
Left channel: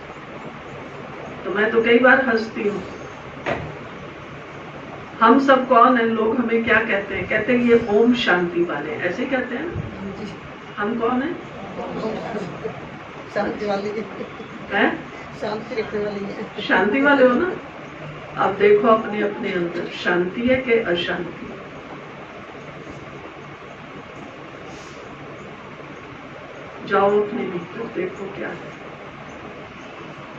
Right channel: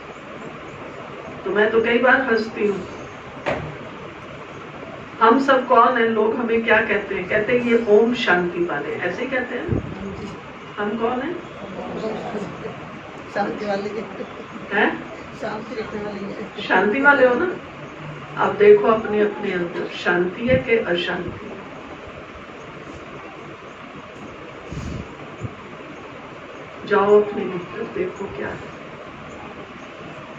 तो मैं तो कई बार हंसती हूँ। हम सब कौन है? लोग हमें क्या कहते हैं? कहते हैं ये ओम शांति वाले, ऐसे कहते हैं। हम कौन है? शांति वाली है, शांति रखने वाली है। शांति वाले हो ना। अब देखो अपने अपने अंदर शांति है कि अशांति। जाओ अपने भीतर देखो क्या है।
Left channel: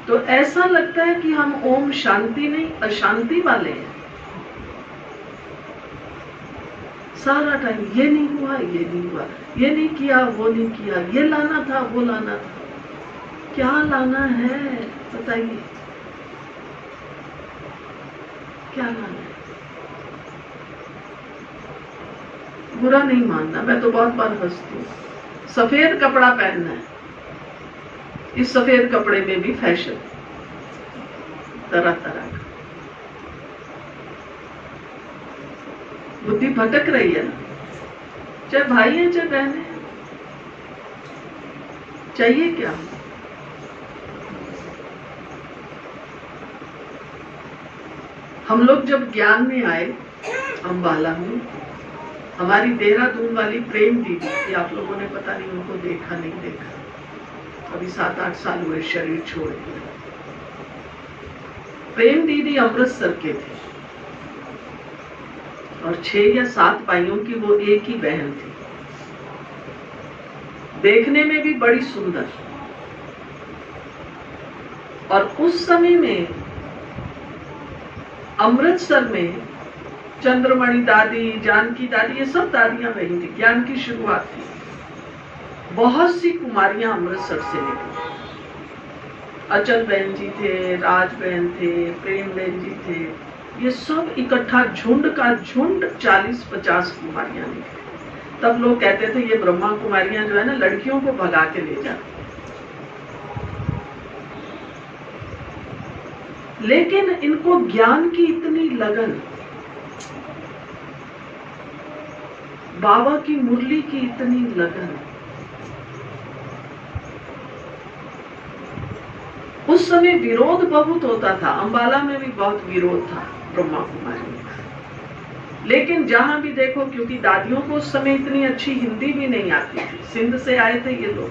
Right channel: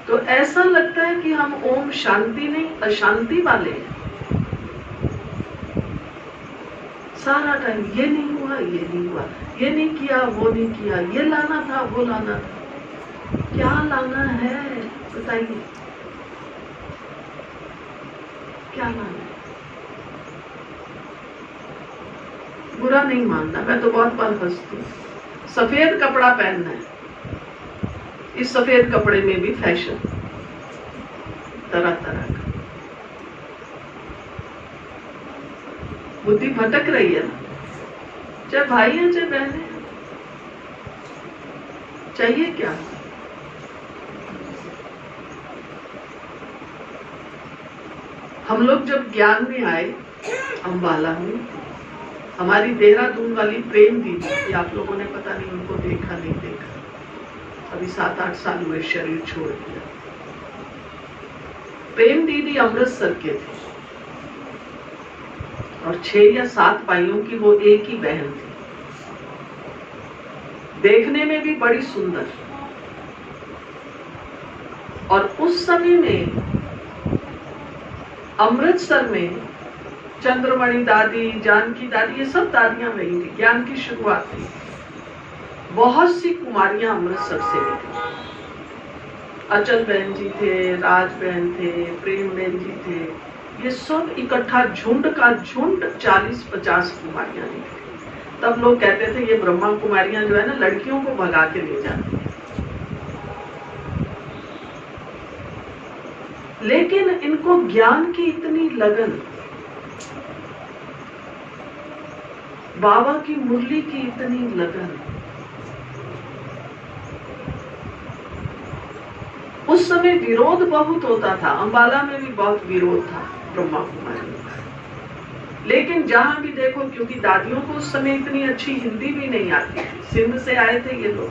तो ऐसा लगता है कि हम ओम शांति नहीं अशांति वाले हैं। सारा टाइम ये नहीं हुआ, ये नहीं हुआ, ये नहीं किया, वो नहीं किया, ये लाना था, वो लाना था। क्या लाना है बताइए? क्या लाना है? बुरा नहीं मानना, मैं तो बहुत बार हंसती हूँ। सफेद कपड़ा पहनना है, इस सफेद कपड़े में भी फैशन तरह तरह का। बुद्धि भटक रही है ना। चाहे भाई है चाहे बहन है, चाहिए क्या? हम लोग जब ज्ञान में आए, अम्बाला में, हमारी देहरादून वाली प्रेम दीदी, कि आप लोगों ने पता नहीं उनको देखा नहीं देखा, अभी 7-8 साल हुए शरीर छोड़ दिया। प्रेम दीदी अमृतसर के थे और 6 या 7 भाइयों की वो एक ही बहन थी। देखने में भी बड़ी सुंदर। और उस समय में अमृतसर में चंद्रमणि दादी, जानकी दादी, ये सब दादियां वही थी। ज्ञान की शुरुआत थी। बहुत सी कुमारियां अमृतसर से निकली। अचल बहन जी थे, राज बहन थे, प्रेम बहन जी थे, ये सब इकट्ठा झुंड का झुंड 40-50 कुमारियां निकली। तब लोग कहते थे ये ब्रह्मा कुमारियां जो है ना लड़कियों को भगा के ले जाती। लेकिन इनको ज्ञान की इतनी लगन, बाबा की मुरली की इतनी लगन, उस समय विरोध बहुत होता था। अंबाला में भी बहुत विरोध था ब्रह्मा कुमारी का। लेकिन जहां भी देखो, क्योंकि दादियों को उस समय इतनी अच्छी हिंदी भी नहीं आती थी, सिंध से आए थे ये लोग,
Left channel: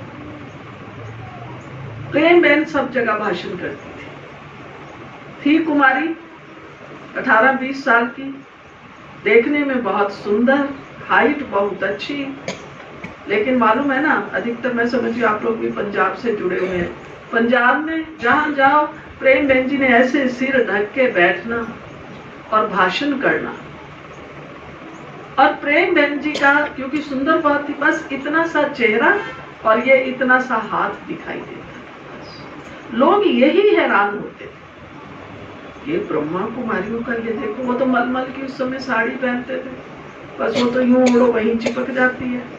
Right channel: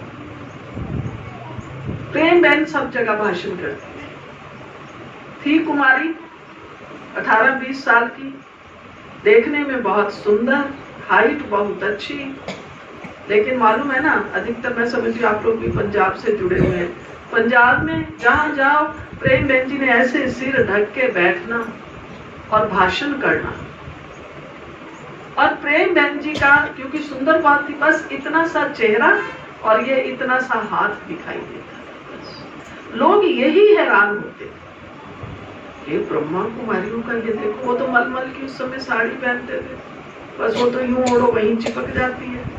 प्रेम बहन सब जगह भाषण करती थी कुमारी 18-20 साल की, देखने में बहुत सुंदर, हाइट बहुत अच्छी। लेकिन मालूम है ना, अधिकतर मैं समझी आप लोग भी पंजाब से जुड़े हुए हैं, पंजाब में जहां जाओ प्रेम बहन जी ने ऐसे सिर ढक के बैठना और भाषण करना। और प्रेम बहन जी का क्योंकि सुंदर बात थी, बस इतना सा चेहरा और ये इतना सा हाथ दिखाई देता। लोग यही हैरान होते थे, ये ब्रह्मा कुमारियों का ये देखो, वो तो मलमल की उस समय साड़ी पहनते थे, बस वो तो यूं ओढ़ो वहीं चिपक जाती है।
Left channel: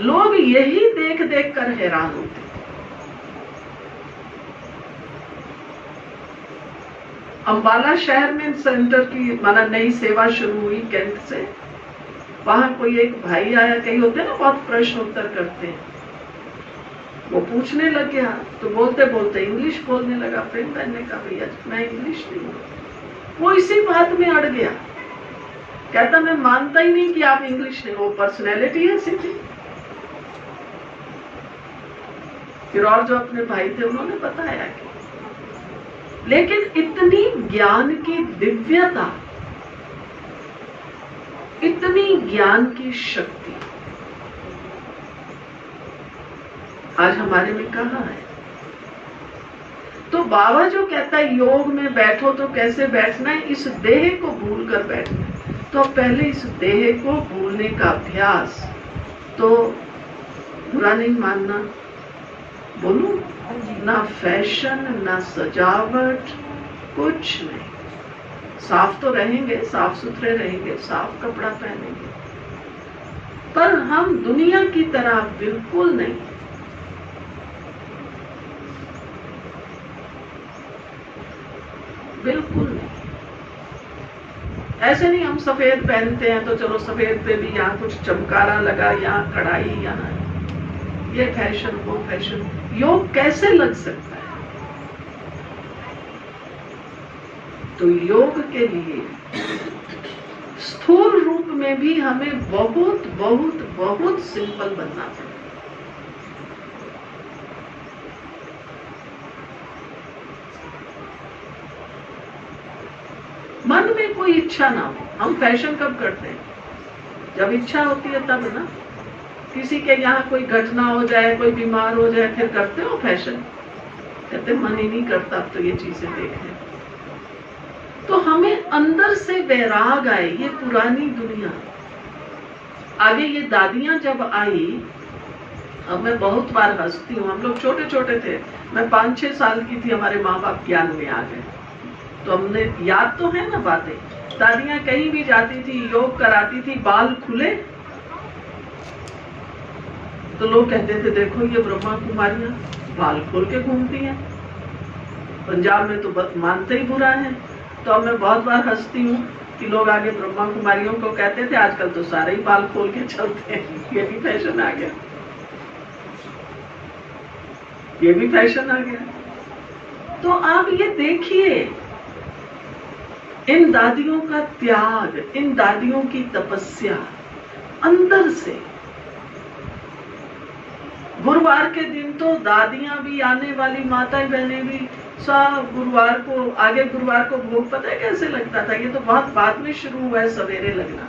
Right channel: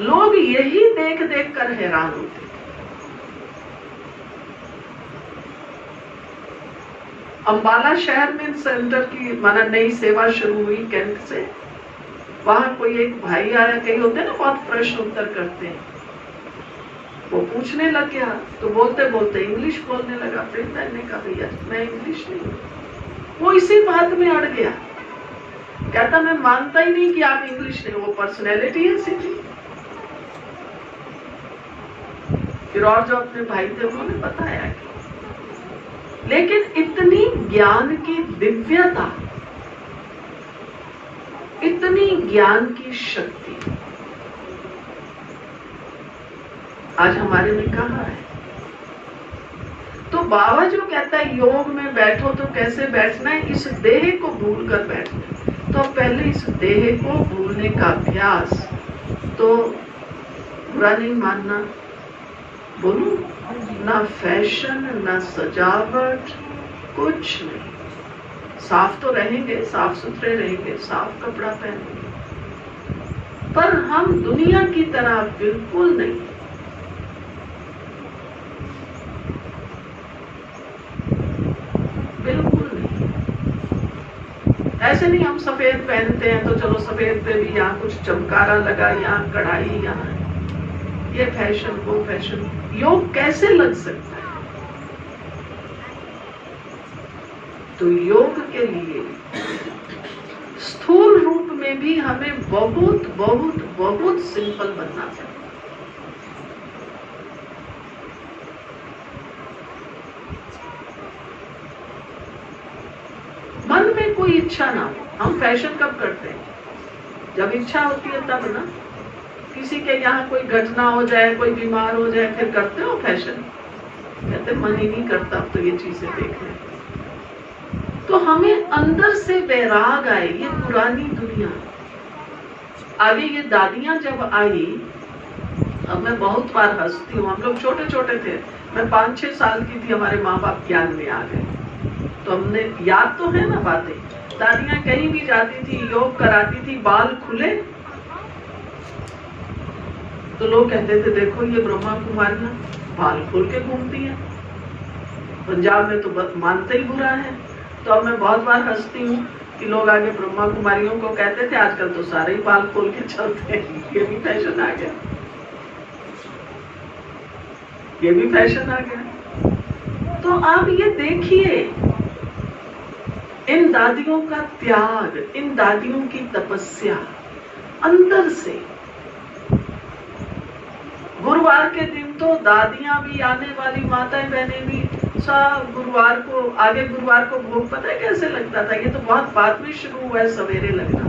लोग यही देख देख कर हैरान होते थे। अंबाला शहर में सेंटर की माना नई सेवा शुरू हुई कैंट से, वहां कोई एक भाई आया, कई होते हैं ना बहुत प्रश्न उत्तर करते हैं, वो पूछने लग गया तो बोलते बोलते इंग्लिश बोलने लगा। प्रेम बहन ने कहा भैया मैं इंग्लिश नहीं, वो इसी बात में अड़ गया, कहता मैं मानता ही नहीं कि आप इंग्लिश नहीं, वो पर्सनैलिटी है सीधी। फिर और जो अपने भाई थे उन्होंने बताया कि लेकिन इतनी ज्ञान की दिव्यता, इतनी ज्ञान की शक्ति आज हमारे में कहाँ है? तो बाबा जो कहता है योग में बैठो तो कैसे बैठना है, इस देह को भूल कर बैठना है। तो पहले इस देह को भूलने का अभ्यास, तो बुरा नहीं मानना, बोलूं ना फैशन ना सजावट, कुछ नहीं, साफ तो रहेंगे, साफ सुथरे रहेंगे, साफ कपड़ा पहनेंगे, पर हम दुनिया की तरह बिल्कुल नहीं। बिल्कुल नहीं, ऐसे नहीं हम सफेद पहनते हैं तो चलो सफेद पे भी यहाँ कुछ चमकारा लगा, यहाँ कढ़ाई, यहाँ ये फैशन वो फैशन। योग कैसे लग सकता है? तो योग के लिए स्थूल रूप में भी हमें बहुत बहुत बहुत सिंपल बनना चाहिए। मन में कोई इच्छा ना हो। हम फैशन कब करते हैं? जब इच्छा होती है तब ना। किसी के यहाँ कोई घटना हो जाए, कोई बीमार हो जाए, फिर करते हो फैशन? कहते मन ही नहीं करता अब तो ये चीजें देखें। तो हमें अंदर से वैराग आए, ये पुरानी दुनिया। आगे ये दादियां जब आई, अब मैं बहुत बार हंसती हूँ, हम लोग छोटे छोटे थे, मैं 5-6 साल की थी, हमारे माँ बाप ज्ञान में आ गए, तो हमने याद तो है ना बातें। दादियां कहीं भी जाती थी, योग कराती थी, बाल खुले तो लोग कहते थे देखो ये ब्रह्मा कुमारियां बाल खोल के घूमती हैं। पंजाब में तो बस मानते ही बुरा है। तो अब मैं बहुत बार हंसती हूँ कि लोग आगे ब्रह्मा कुमारियों को कहते थे, आजकल तो सारे ही बाल खोल के चलते हैं। ये भी फैशन आ गया, ये भी फैशन आ गया। तो आप ये देखिए इन दादियों का त्याग, इन दादियों की तपस्या अंदर से। गुरुवार के दिन तो दादियां भी, आने वाली माताएं बहनें भी, सब गुरुवार को, आगे गुरुवार को भोग पता है कैसे लगता था? ये तो बहुत बाद में शुरू हुआ है सवेरे लगना,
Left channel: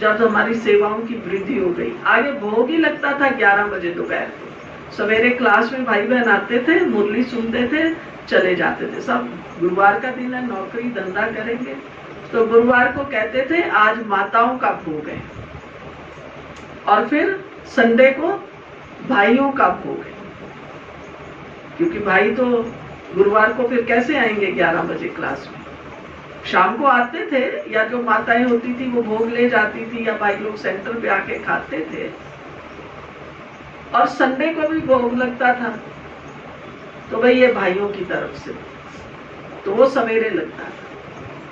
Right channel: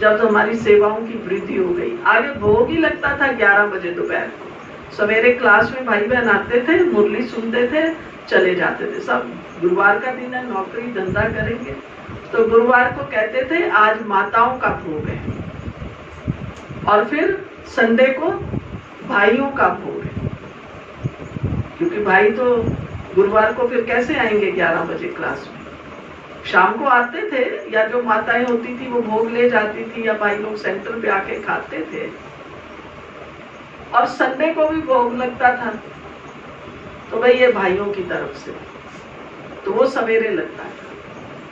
जब हमारी सेवाओं की वृद्धि हो गई। आगे भोग ही लगता था 11 बजे दोपहर को। सवेरे क्लास में भाई बहन आते थे, मुरली सुनते थे, चले जाते थे। सब गुरुवार का दिन है, नौकरी धंधा करेंगे, तो गुरुवार को कहते थे आज माताओं का भोग है, और फिर संडे को भाइयों का भोग है। क्योंकि भाई तो गुरुवार को फिर कैसे आएंगे 11 बजे क्लास में। शाम को आते थे, या जो माताएं होती थी वो भोग ले जाती थी, या भाई लोग सेंटर पे आके खाते थे। और संडे को भी भोग लगता था, तो भाई ये भाइयों की तरफ से, तो वो सवेरे लगता था,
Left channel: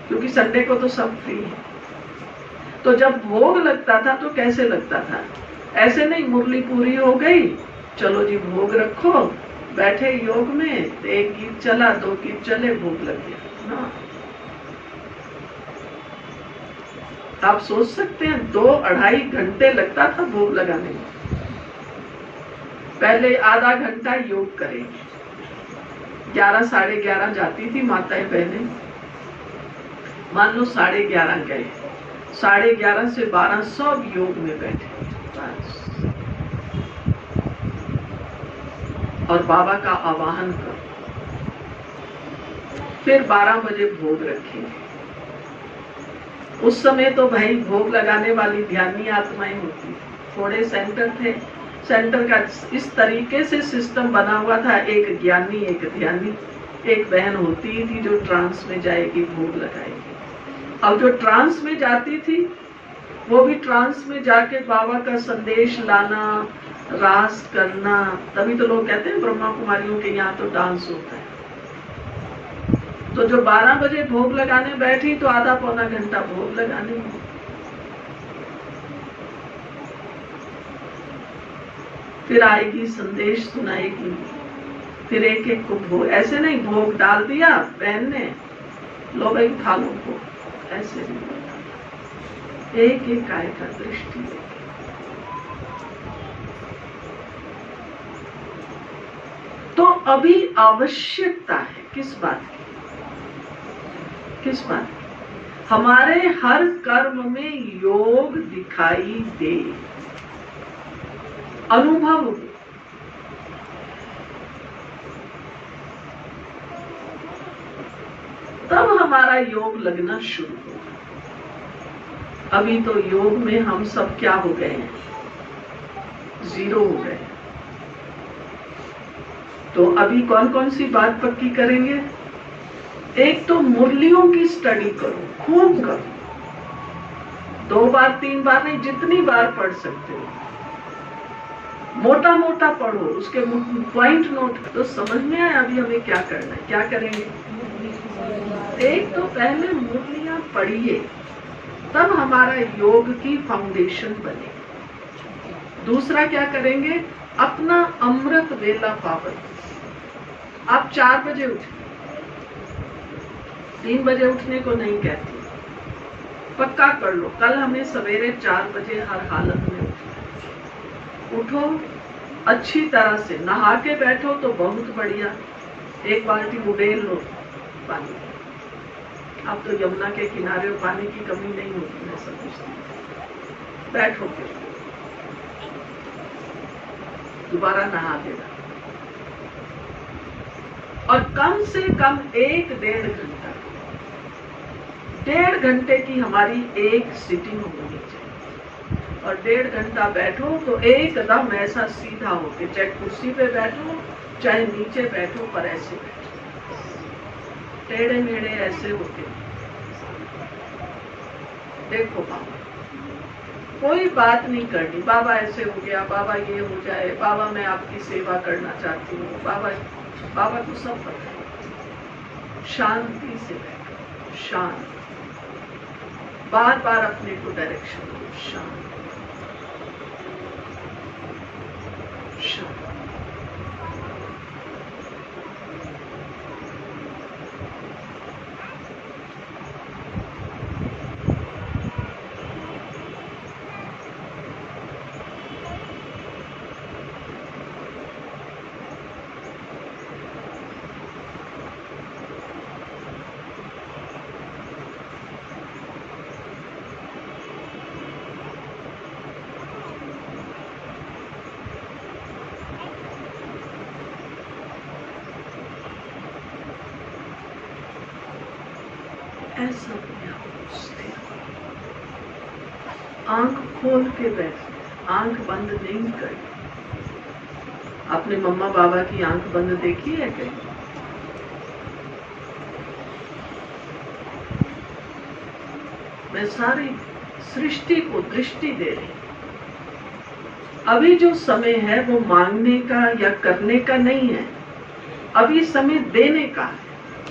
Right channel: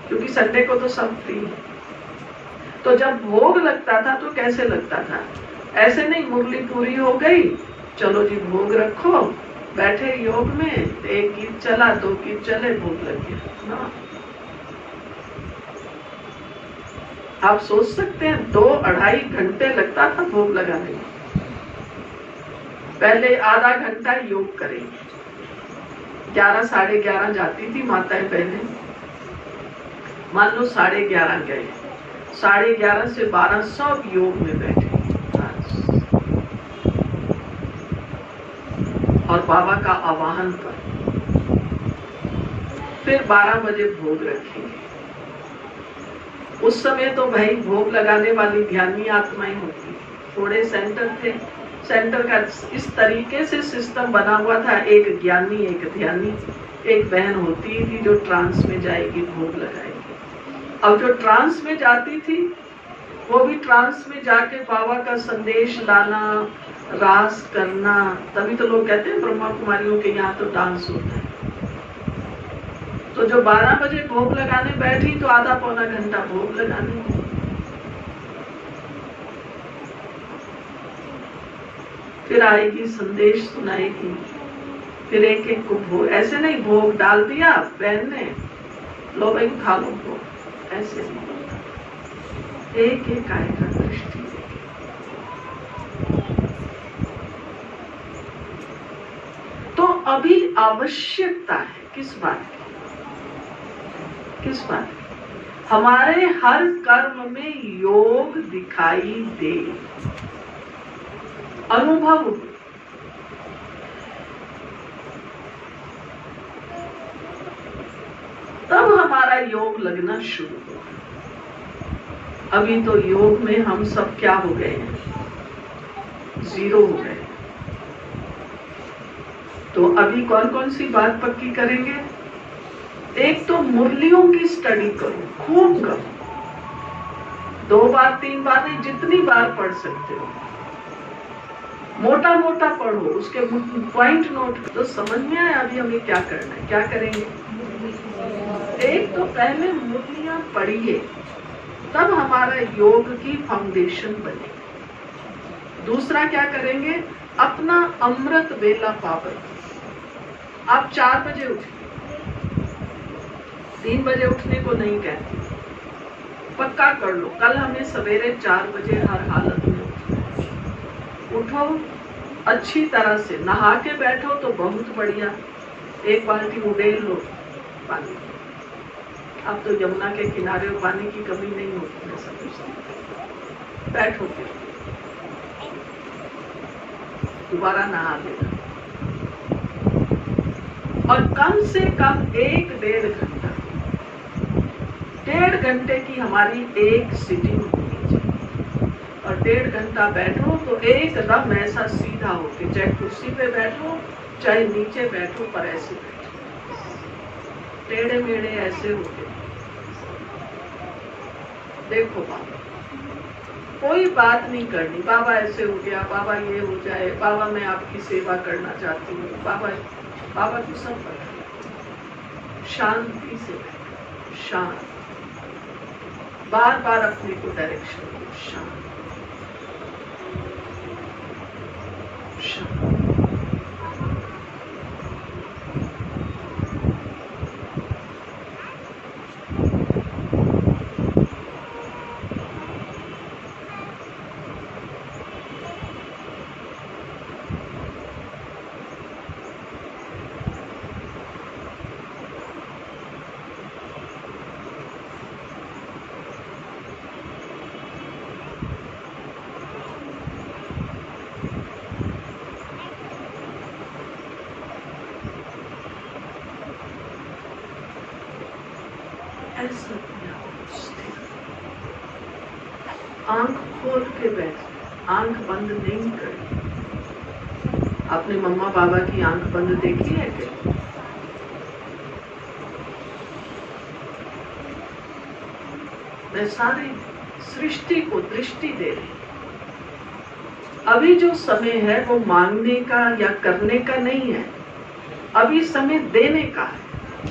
क्योंकि संडे को तो सब फ्री है। तो जब भोग लगता था तो कैसे लगता था? ऐसे नहीं मुरली पूरी हो गई, चलो जी भोग रखो, बैठे योग में, एक गीत चला, 2 गीत चले, भोग लग गया। हाँ। आप सोच सकते हैं 2-2.5 घंटे लगता था भोग लगाने में। पहले आधा घंटा योग करेंगे, 11 साढ़े 11 जाती थी माताएं बहनें, मान लो 11:30 गए, 11:30 से 12 सब योग में बैठे और बाबा का आवाहन कर, फिर 12 बजे भोग रखेंगे। उस समय तो भाई भोग लगाने वाली ध्यानी आत्माएं होती थी, थोड़े सेंटर थे, सेंटर का इस तरीके से सिस्टम बना हुआ था, एक ज्ञानी एक ध्यानी, एक बहन होती थी जो ट्रांस में जाएगी, भोग लगाएगी। अब जो ट्रांस में जाती थी वो भी ट्रांस में जाके बाबा का संदेश लाना, रास करना। तभी तो लोग कहते हैं ब्रह्मा कुमारियों के यहाँ तो डांस होता है। तो जो 12 बजे भोग लगाने बैठी तो आधा पौना घंटा भोग लगाने, फिर आएगी संदेश सुनाएगी, फिर एक एक को भोग, ऐसे नहीं भोग डाल दिया बहन ने, लो भाई खा लो भोग, ऐसे नहीं, एक एक आएगा दृष्टि। तो अभी आवश्यकता है किस बात की? किस बात की? हमारे हर कर्म में योग दिखाई दे, अनुभव हो, तब हमारा योग लगना शुरू हो। अभी तो योग में हम सब क्या हो गए हैं? 0 हो गए। तो अभी कौन कौन सी बात पक्की करेंगे? एक तो मुरलियों की स्टडी करो, खूब करो, 2 बार 3 बार नहीं, जितनी बार पढ़ सकते हो, मोटा मोटा पढ़ो, उसके पॉइंट नोट। तो समझ में आया अभी हमें क्या करना है, क्या करेंगे? एक तो पहले मुरलियां पढ़िए, तब हमारा योग की फाउंडेशन बने। दूसरा क्या करेंगे? अपना अमृत वेला पावन। आप 4 बजे उठिए, 3 बजे उठने को नहीं कहती, पक्का कर लो, कल हमें सवेरे 4 बजे हर हालत में उठो, अच्छी तरह से नहा के बैठो तो बहुत बढ़िया, 1 बाल्टी उड़ेल लो पानी। अब तो यमुना के किनारे पानी की कमी नहीं होती है, समझते, बैठो दोबारा नहा लेना, और कम से कम 1-1.5 घंटा, 1.5 घंटे की हमारी एक सिटिंग होनी चाहिए। और 1.5 घंटा बैठो तो एकदम ऐसा सीधा होके, चाहे कुर्सी पे बैठो चाहे नीचे बैठो, पर ऐसे बैठो, टेढ़े मेढ़े ऐसे होके देखो। बाबा कोई बात नहीं करनी, बाबा ऐसे हो गया, बाबा ये हो जाए, बाबा मैं आपकी सेवा करना चाहती हूँ, बाबा तो सब पढ़े, शांति से बैठो, शांत, बार बार अपने को डायरेक्शन दो, शांत शांत। ऐसा आंख खोल के बैठ, आंख बंद नहीं करनी। आपने मम्मा बाबा की आंख बंद देखी है क्या? मैं सारी सृष्टि को दृष्टि दे रही। अभी जो समय है वो मांगने का या करने का नहीं है, अभी समय देने का है।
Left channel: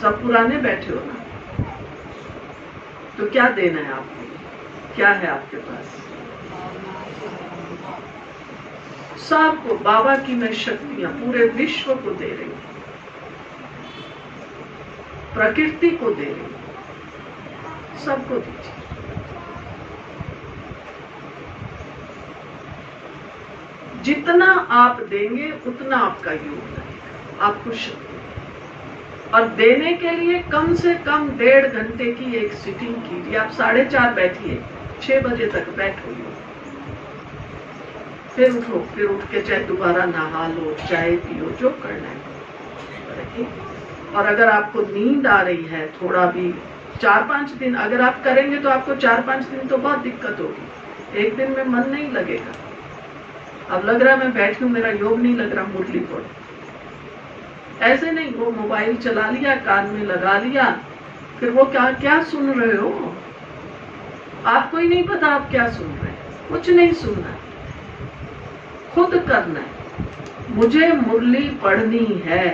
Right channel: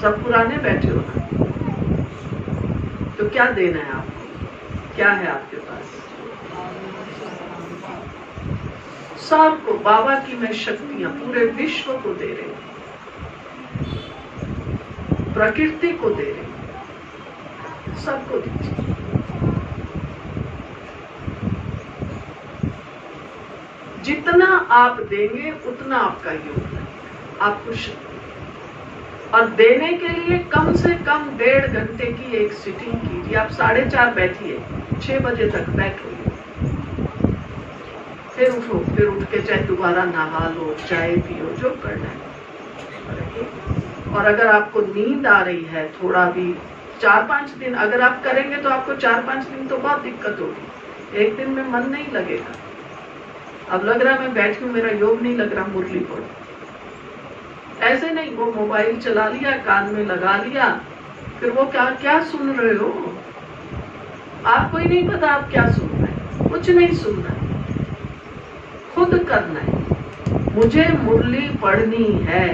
सब पुराने बैठे हो ना, तो क्या देना है आपको? क्या है आपके पास? सबको बाबा की मैं शक्तियां पूरे विश्व को दे रही हूं, प्रकृति को दे रही हूं, सबको दीजिए। जितना आप देंगे उतना आपका योग लगेगा, आपको शक्ति। और देने के लिए कम से कम 1.5 घंटे की एक सिटिंग कीजिए। आप 4:30 बैठिए, 6 बजे तक बैठो, फिर उठो, फिर उठ के चाहे दोबारा नहा लो, चाय पियो, जो करना है। और अगर आपको नींद आ रही है थोड़ा भी, 4-5 दिन अगर आप करेंगे तो आपको 4-5 दिन तो बहुत दिक्कत होगी। एक दिन में मन नहीं लगेगा। अब लग रहा है मैं बैठी हूँ, मेरा योग नहीं लग रहा, मुरली पढ़ो। ऐसे नहीं, वो मोबाइल चला लिया, कान में लगा लिया, फिर वो क्या क्या सुन रहे हो? आपको ही नहीं पता आप क्या सुन रहे हैं। कुछ नहीं सुनना है, खुद करना है। मुझे मुरली पढ़नी है,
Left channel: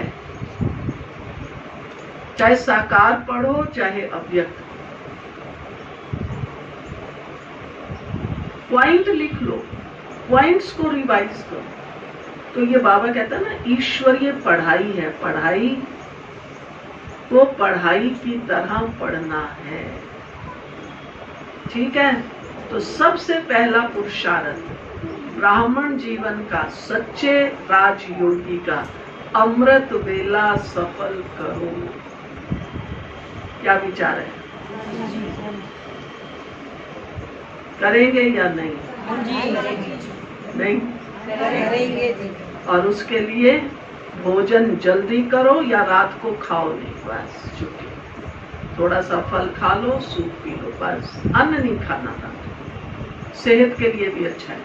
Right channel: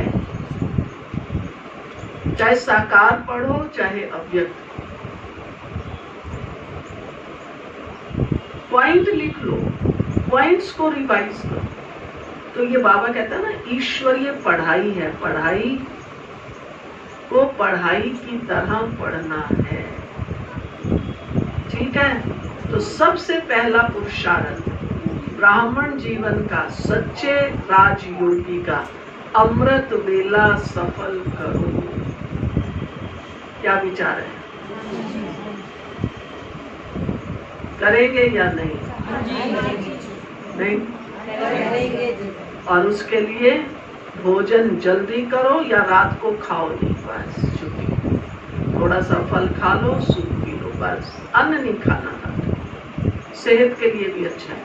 चाहे साकार पढ़ो चाहे अव्यक्त। पॉइंट लिख लो, पॉइंट्स को रिवाइज करो। तो ये बाबा कहता है ना, ईश्वरीय पढ़ाई है। पढ़ाई को पढ़ाई की तरह पढ़ना है, ठीक है? तो सबसे पहला पुरुषार्थ ब्राह्मण जीवन का, सच्चे राजयोगी का, अमृत वेला सफल करो। क्या विचार है? करेंगे या नहीं? नहीं? और उसके लिए भोजन जल्दी करो या रात को खाओ नहीं, बस छुट्टी। थोड़ा सा फल खा लो, सूप पी लो, बस। अन्न नहीं खाना पड़ता, सेहत के लिए भी अच्छा है।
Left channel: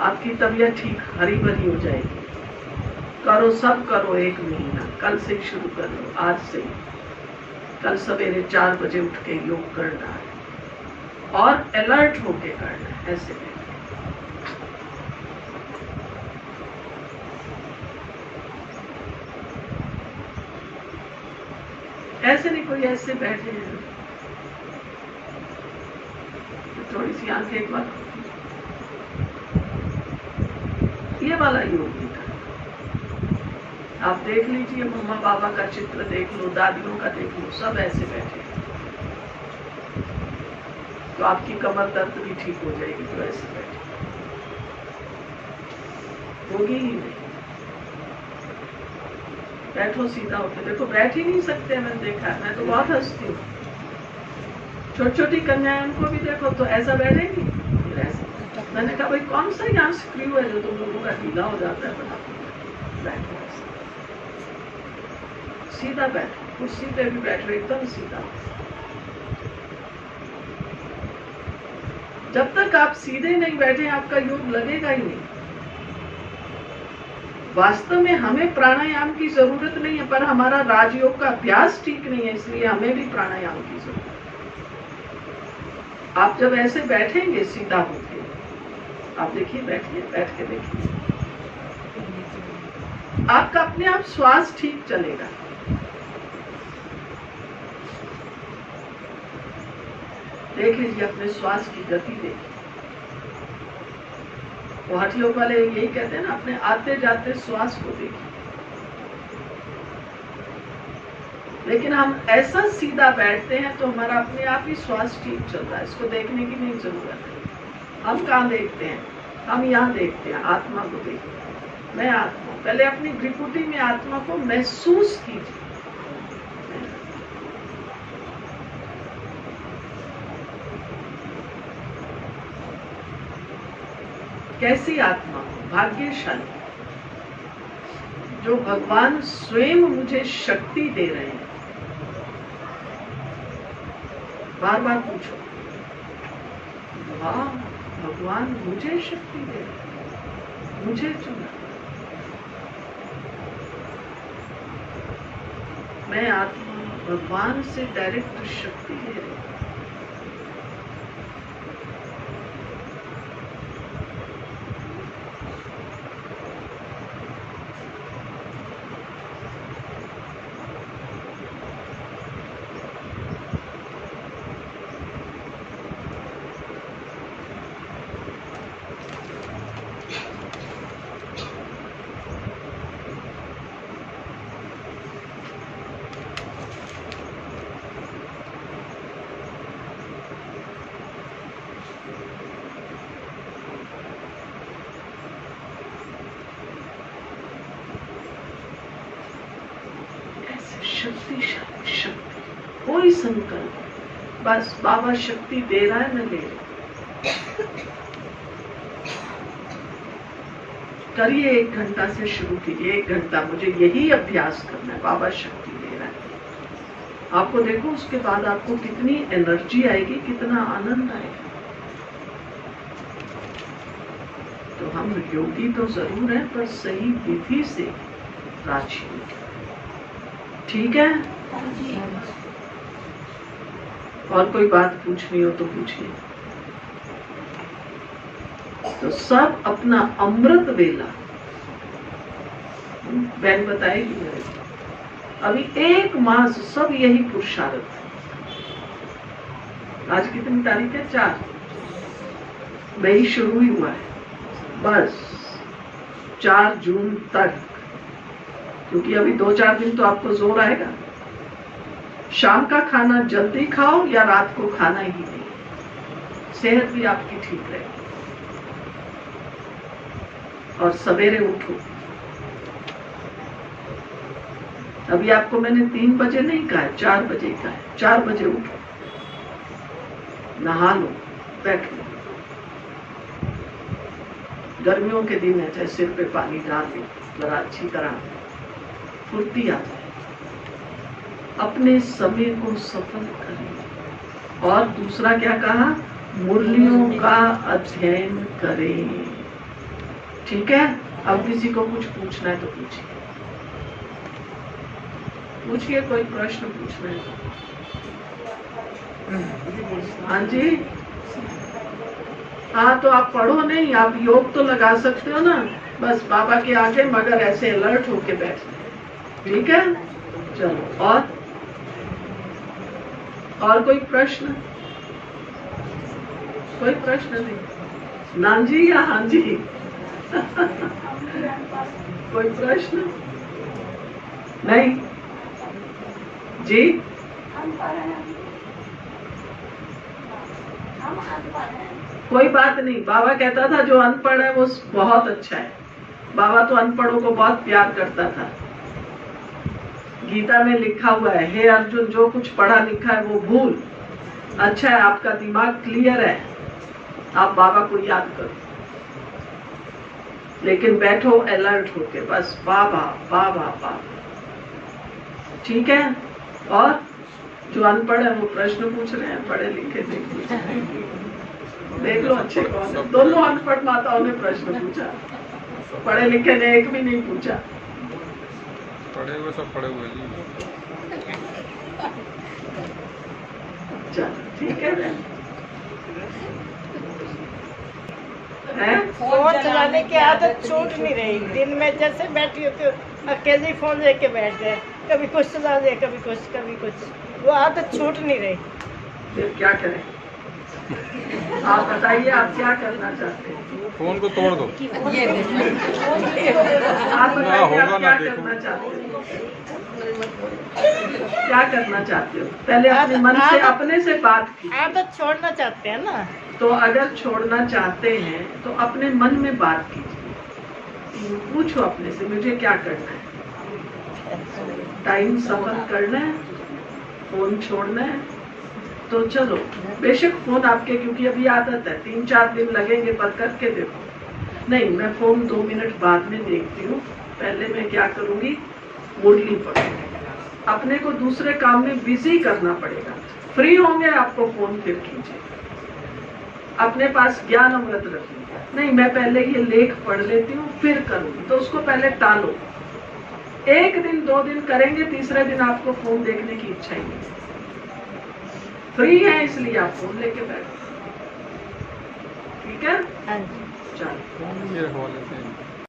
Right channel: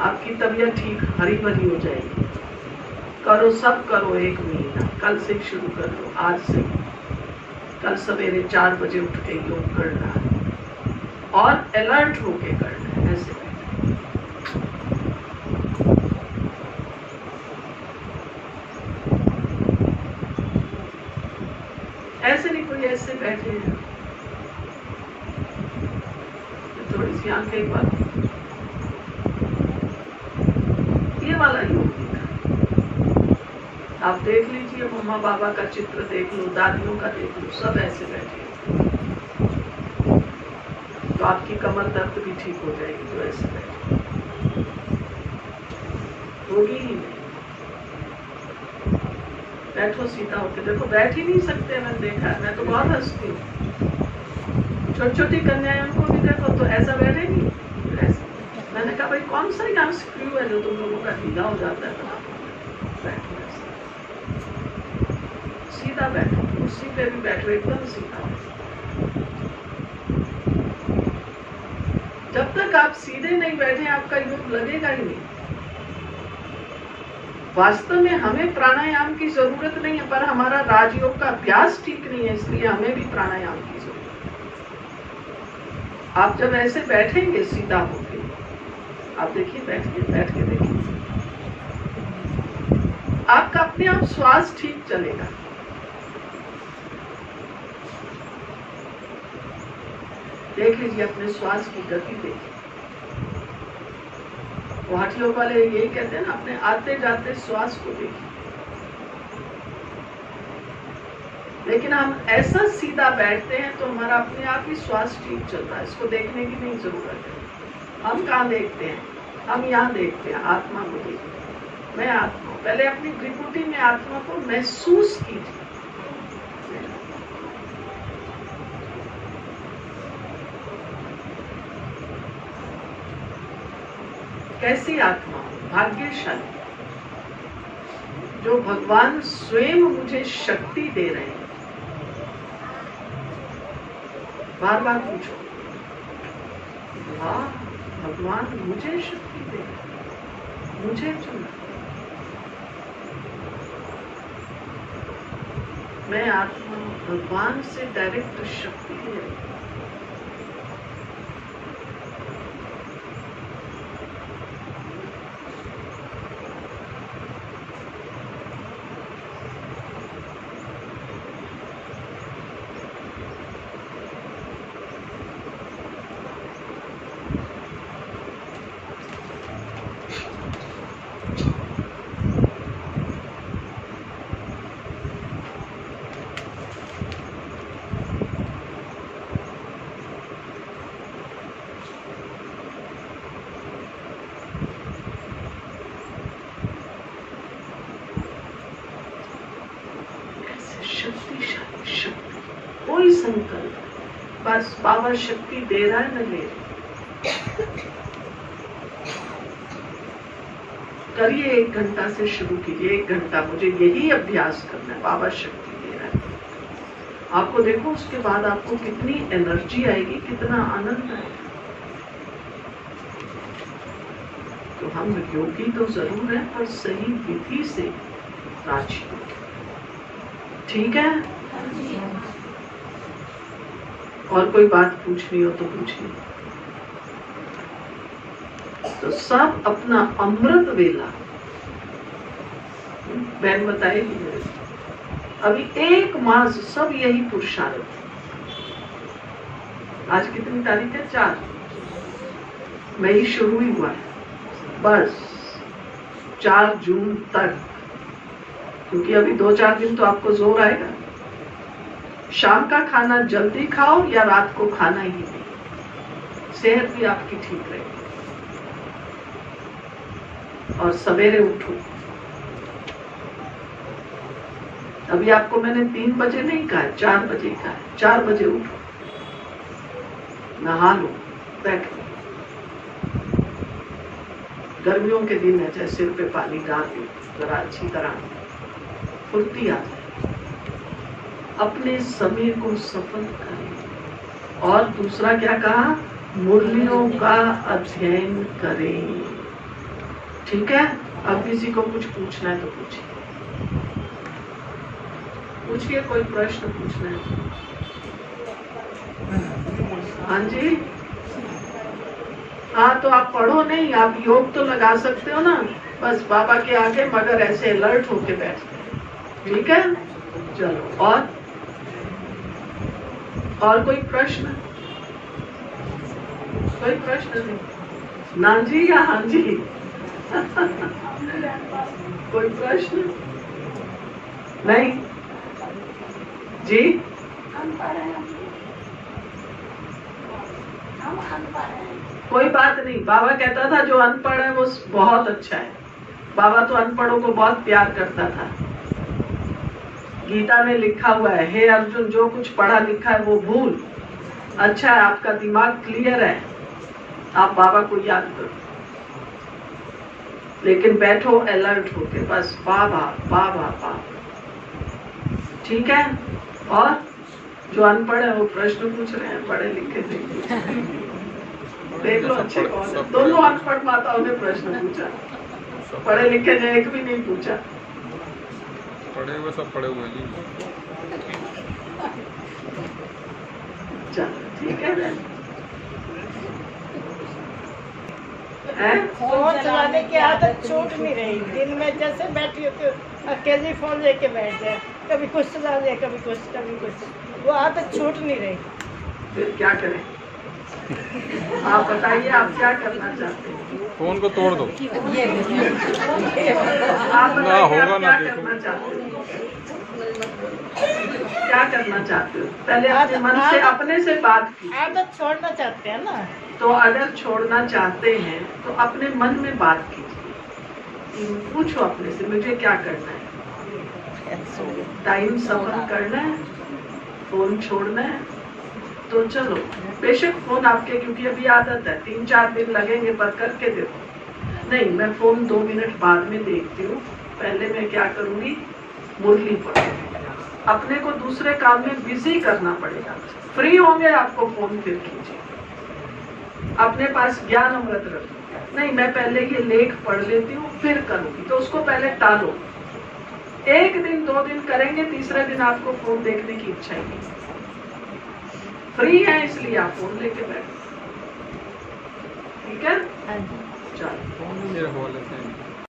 आपकी तबीयत ठीक हरी भरी हो जाएगी। करो, सब करो 1 महीना। कल से शुरू कर लो, आज से। कल सवेरे 4 बजे उठ के योग करना है और अलर्ट होके करना है। ऐसे ऐसे नहीं, कोई ऐसे बैठे हैं, थोड़ी सी आंखें एक बार, ये वाला योग आप देख लीजिए। मम्मा बाबा का चित्र देख लो, दादियों का देख लो, सब ऐसे बैठे, तो आपकी कमर दर्द भी ठीक हो जाएगी। तो ऐसे बैठे होगी ही नहीं। बैठो सीधा होकर, देखो बैठ ही नहीं सकते, मैंने देखा है, मैं तो बहुत हंसती हूँ। छोटी छोटी कन्याएं को भी देखो तो ऐसा बैठेगी, ऐसा। मैंने कहा भाई कौन सा यहाँ स्क्रू है जो तुम लोगों का ढीला हो जाता है? बैठो ऐसा, सीधा बैठो, कुर्सी पे भी बैठो एकदम सीधा। जब तक आप सीधे नहीं बैठे आपका योग लगेगा ही नहीं। वास्तव में हमें प्राणायाम की जरूरत नहीं है, पर हमारा राजयोग का अभ्यास ठीक नहीं है, इसलिए हमें भी प्राणायाम की जरूरत है। आप जब ऐसे बैठेंगे सीधा होके, आप देखिए, बैठिए, बैठ के देखिए, आपका अपने आप श्वास ठीक चलेगा। देख लीजिए, अपने श्वास की गति देखिए। गुवाहाटी योग वाले यही कहते हैं ना, अपने आते जाते श्वास को देखिए। लेकिन हम ऐसा सीधा बैठते हैं तो हमारा अपने आप ही श्वास ठीक चल रहा है, इसको देखने की नहीं जरूरत है। हम कहाँ देखते हैं? हम यहाँ देखते हैं, आत्मा को देखते हैं। मैं आत्मा, पहले अपनी त्रिपुटी में आत्मा को महसूस कीजिए। कैसी आत्मा? भाग्यशाली, जो भगवान स्वयं मुझे शक्ति दे रहे हैं। बार बार पूछो, हाँ भगवान मुझे शक्ति दे रहे हैं, मुझे चुना। मैं आत्मा भगवान से डायरेक्ट शक्ति ले रही हूँ। शक्तिशाली शक्ति, कोई संकल्प, बस बाबा शक्ति दे रहा है, मैं ले रही हूं। करिए, 1 घंटा से शुरू कीजिए। 1 घंटा मुझे यही अभ्यास करना है। बाबा शक्ति दे रहा है, आपको देखो उसके बाद आपको कितनी एनर्जी आएगी, कितना आनंद आएगा। तो हम योगी तो जरूर है, पर सही विधि से राजी। ठीक है? और कोई बात पूछनी हो तो पूछिए। तो सब अपना अमृत वेला, बहन बताएगी मेरे को, अभी 1 मास सब यही पुरुषार्थ। आज कितनी तारीख है? 4 मई शुरू ही हुआ है, बस 4 जून तक, क्योंकि अभी 2-4 दिन तो आपको जोर आएगा। शाम का खाना जल्दी खाओ या रात को खाना ही नहीं, सेहत भी आपकी ठीक रहेगी। और सवेरे उठो। अभी आपको मैंने 3 बजे नहीं कहा, 4 बजे कहा है। 4 बजे उठो, नहा लो, बैठ लो। गर्मियों के दिन है, जैसे सिर पे पानी डाल लो जरा अच्छी तरह, फुर्ती आ जाए। अपने समय को सफल करें। और दूसरा क्या कहा? मुरलियों का अध्ययन करें। ठीक है? अब किसी को कुछ पूछना है तो पूछिए, पूछिए, कोई प्रश्न पूछना है तो। हाँ जी, हाँ तो आप पढ़ो नहीं, आप योग तो लगा सकते हो ना, बस बाबा के आगे मगर ऐसे अलर्ट होके बैठते। ठीक है? चलो, और कोई प्रश्न? कोई प्रश्न नहीं? ना जी या हाँ जी? कोई प्रश्न नहीं जी? कोई बात नहीं। बाबा कहता था जो अनपढ़ है वो बहुत अच्छा है। बाबा तो अनपढ़ों को बहुत प्यार करता था। गीता में लिखा हुआ है, हे अर्जुन, जो कुछ पढ़ा लिखा है वो भूल। अच्छा है, आपका दिमाग क्लियर है, आप बाबा को याद करो, लेकिन बैठो अलर्ट होके, बस बाबा बाबा बाबा। ठीक है? और जो अनपढ़ है वो प्रश्न पूछ रहे हैं, पढ़े लिखे देख लो अच्छे कौन है। दोनों अनपढ़ माताओं ने प्रश्न पूछा, पढ़े लिखे ने एक भी नहीं पूछा। पढ़े हुए सब पढ़े हुए जी। चलो ठीक है। फोन चलाने की आदत छूट नहीं रही। दिन में जैसे बैठी होती हूँ अकेले फोन लेके बैठ जाए, कभी कुछ चला दे, कभी कुछ, वो आदत छूट नहीं रही। फिर क्या करें? आप बताइए, आप क्या करना चाहते हैं? फोन को तोड़ दो। आप बताइए, होगा आप ना, क्या देखो। करना चाहते हो? क्या करना चाहते हो? पहले अपने मन से, अपने से बात की। आदत छोड़ना चाहते हैं ना, तो अगर छोड़ना चाहते हैं तो अपने मन में बात कीजिए। पूछो अपने से, मुझे क्या करना है? टाइम सफल करना है, फोन छोड़ना है, तो चलो। बेशक फोन आपके, क्योंकि अभी आदत है, 3-4 दिन लगेंगे, पर करके देखो। नहीं, मैं फोन 2 मिनट बाद में देखती हूँ, पहले मैं क्या करूंगी? मुरली पढ़ूंगी। अपने को दूसरे काम में बिजी करना पड़ेगा। फ्री होंगे आपको फोन फिर कीजिए। अपने पास ज्ञान अमृत रखिए। नहीं, मैं पहले ये लेख पढ़ लेती हूँ फिर करूंगी, तो उसको पहले टालो। एक दिन 2 दिन करेंगे, तीसरे दिन आपको फोन देखने की इच्छा ही नहीं। फ्री है इसलिए आप फोन लेके बैठो। ठीक है, हाँ जी। चलो। फोन ही मेरे हवाले से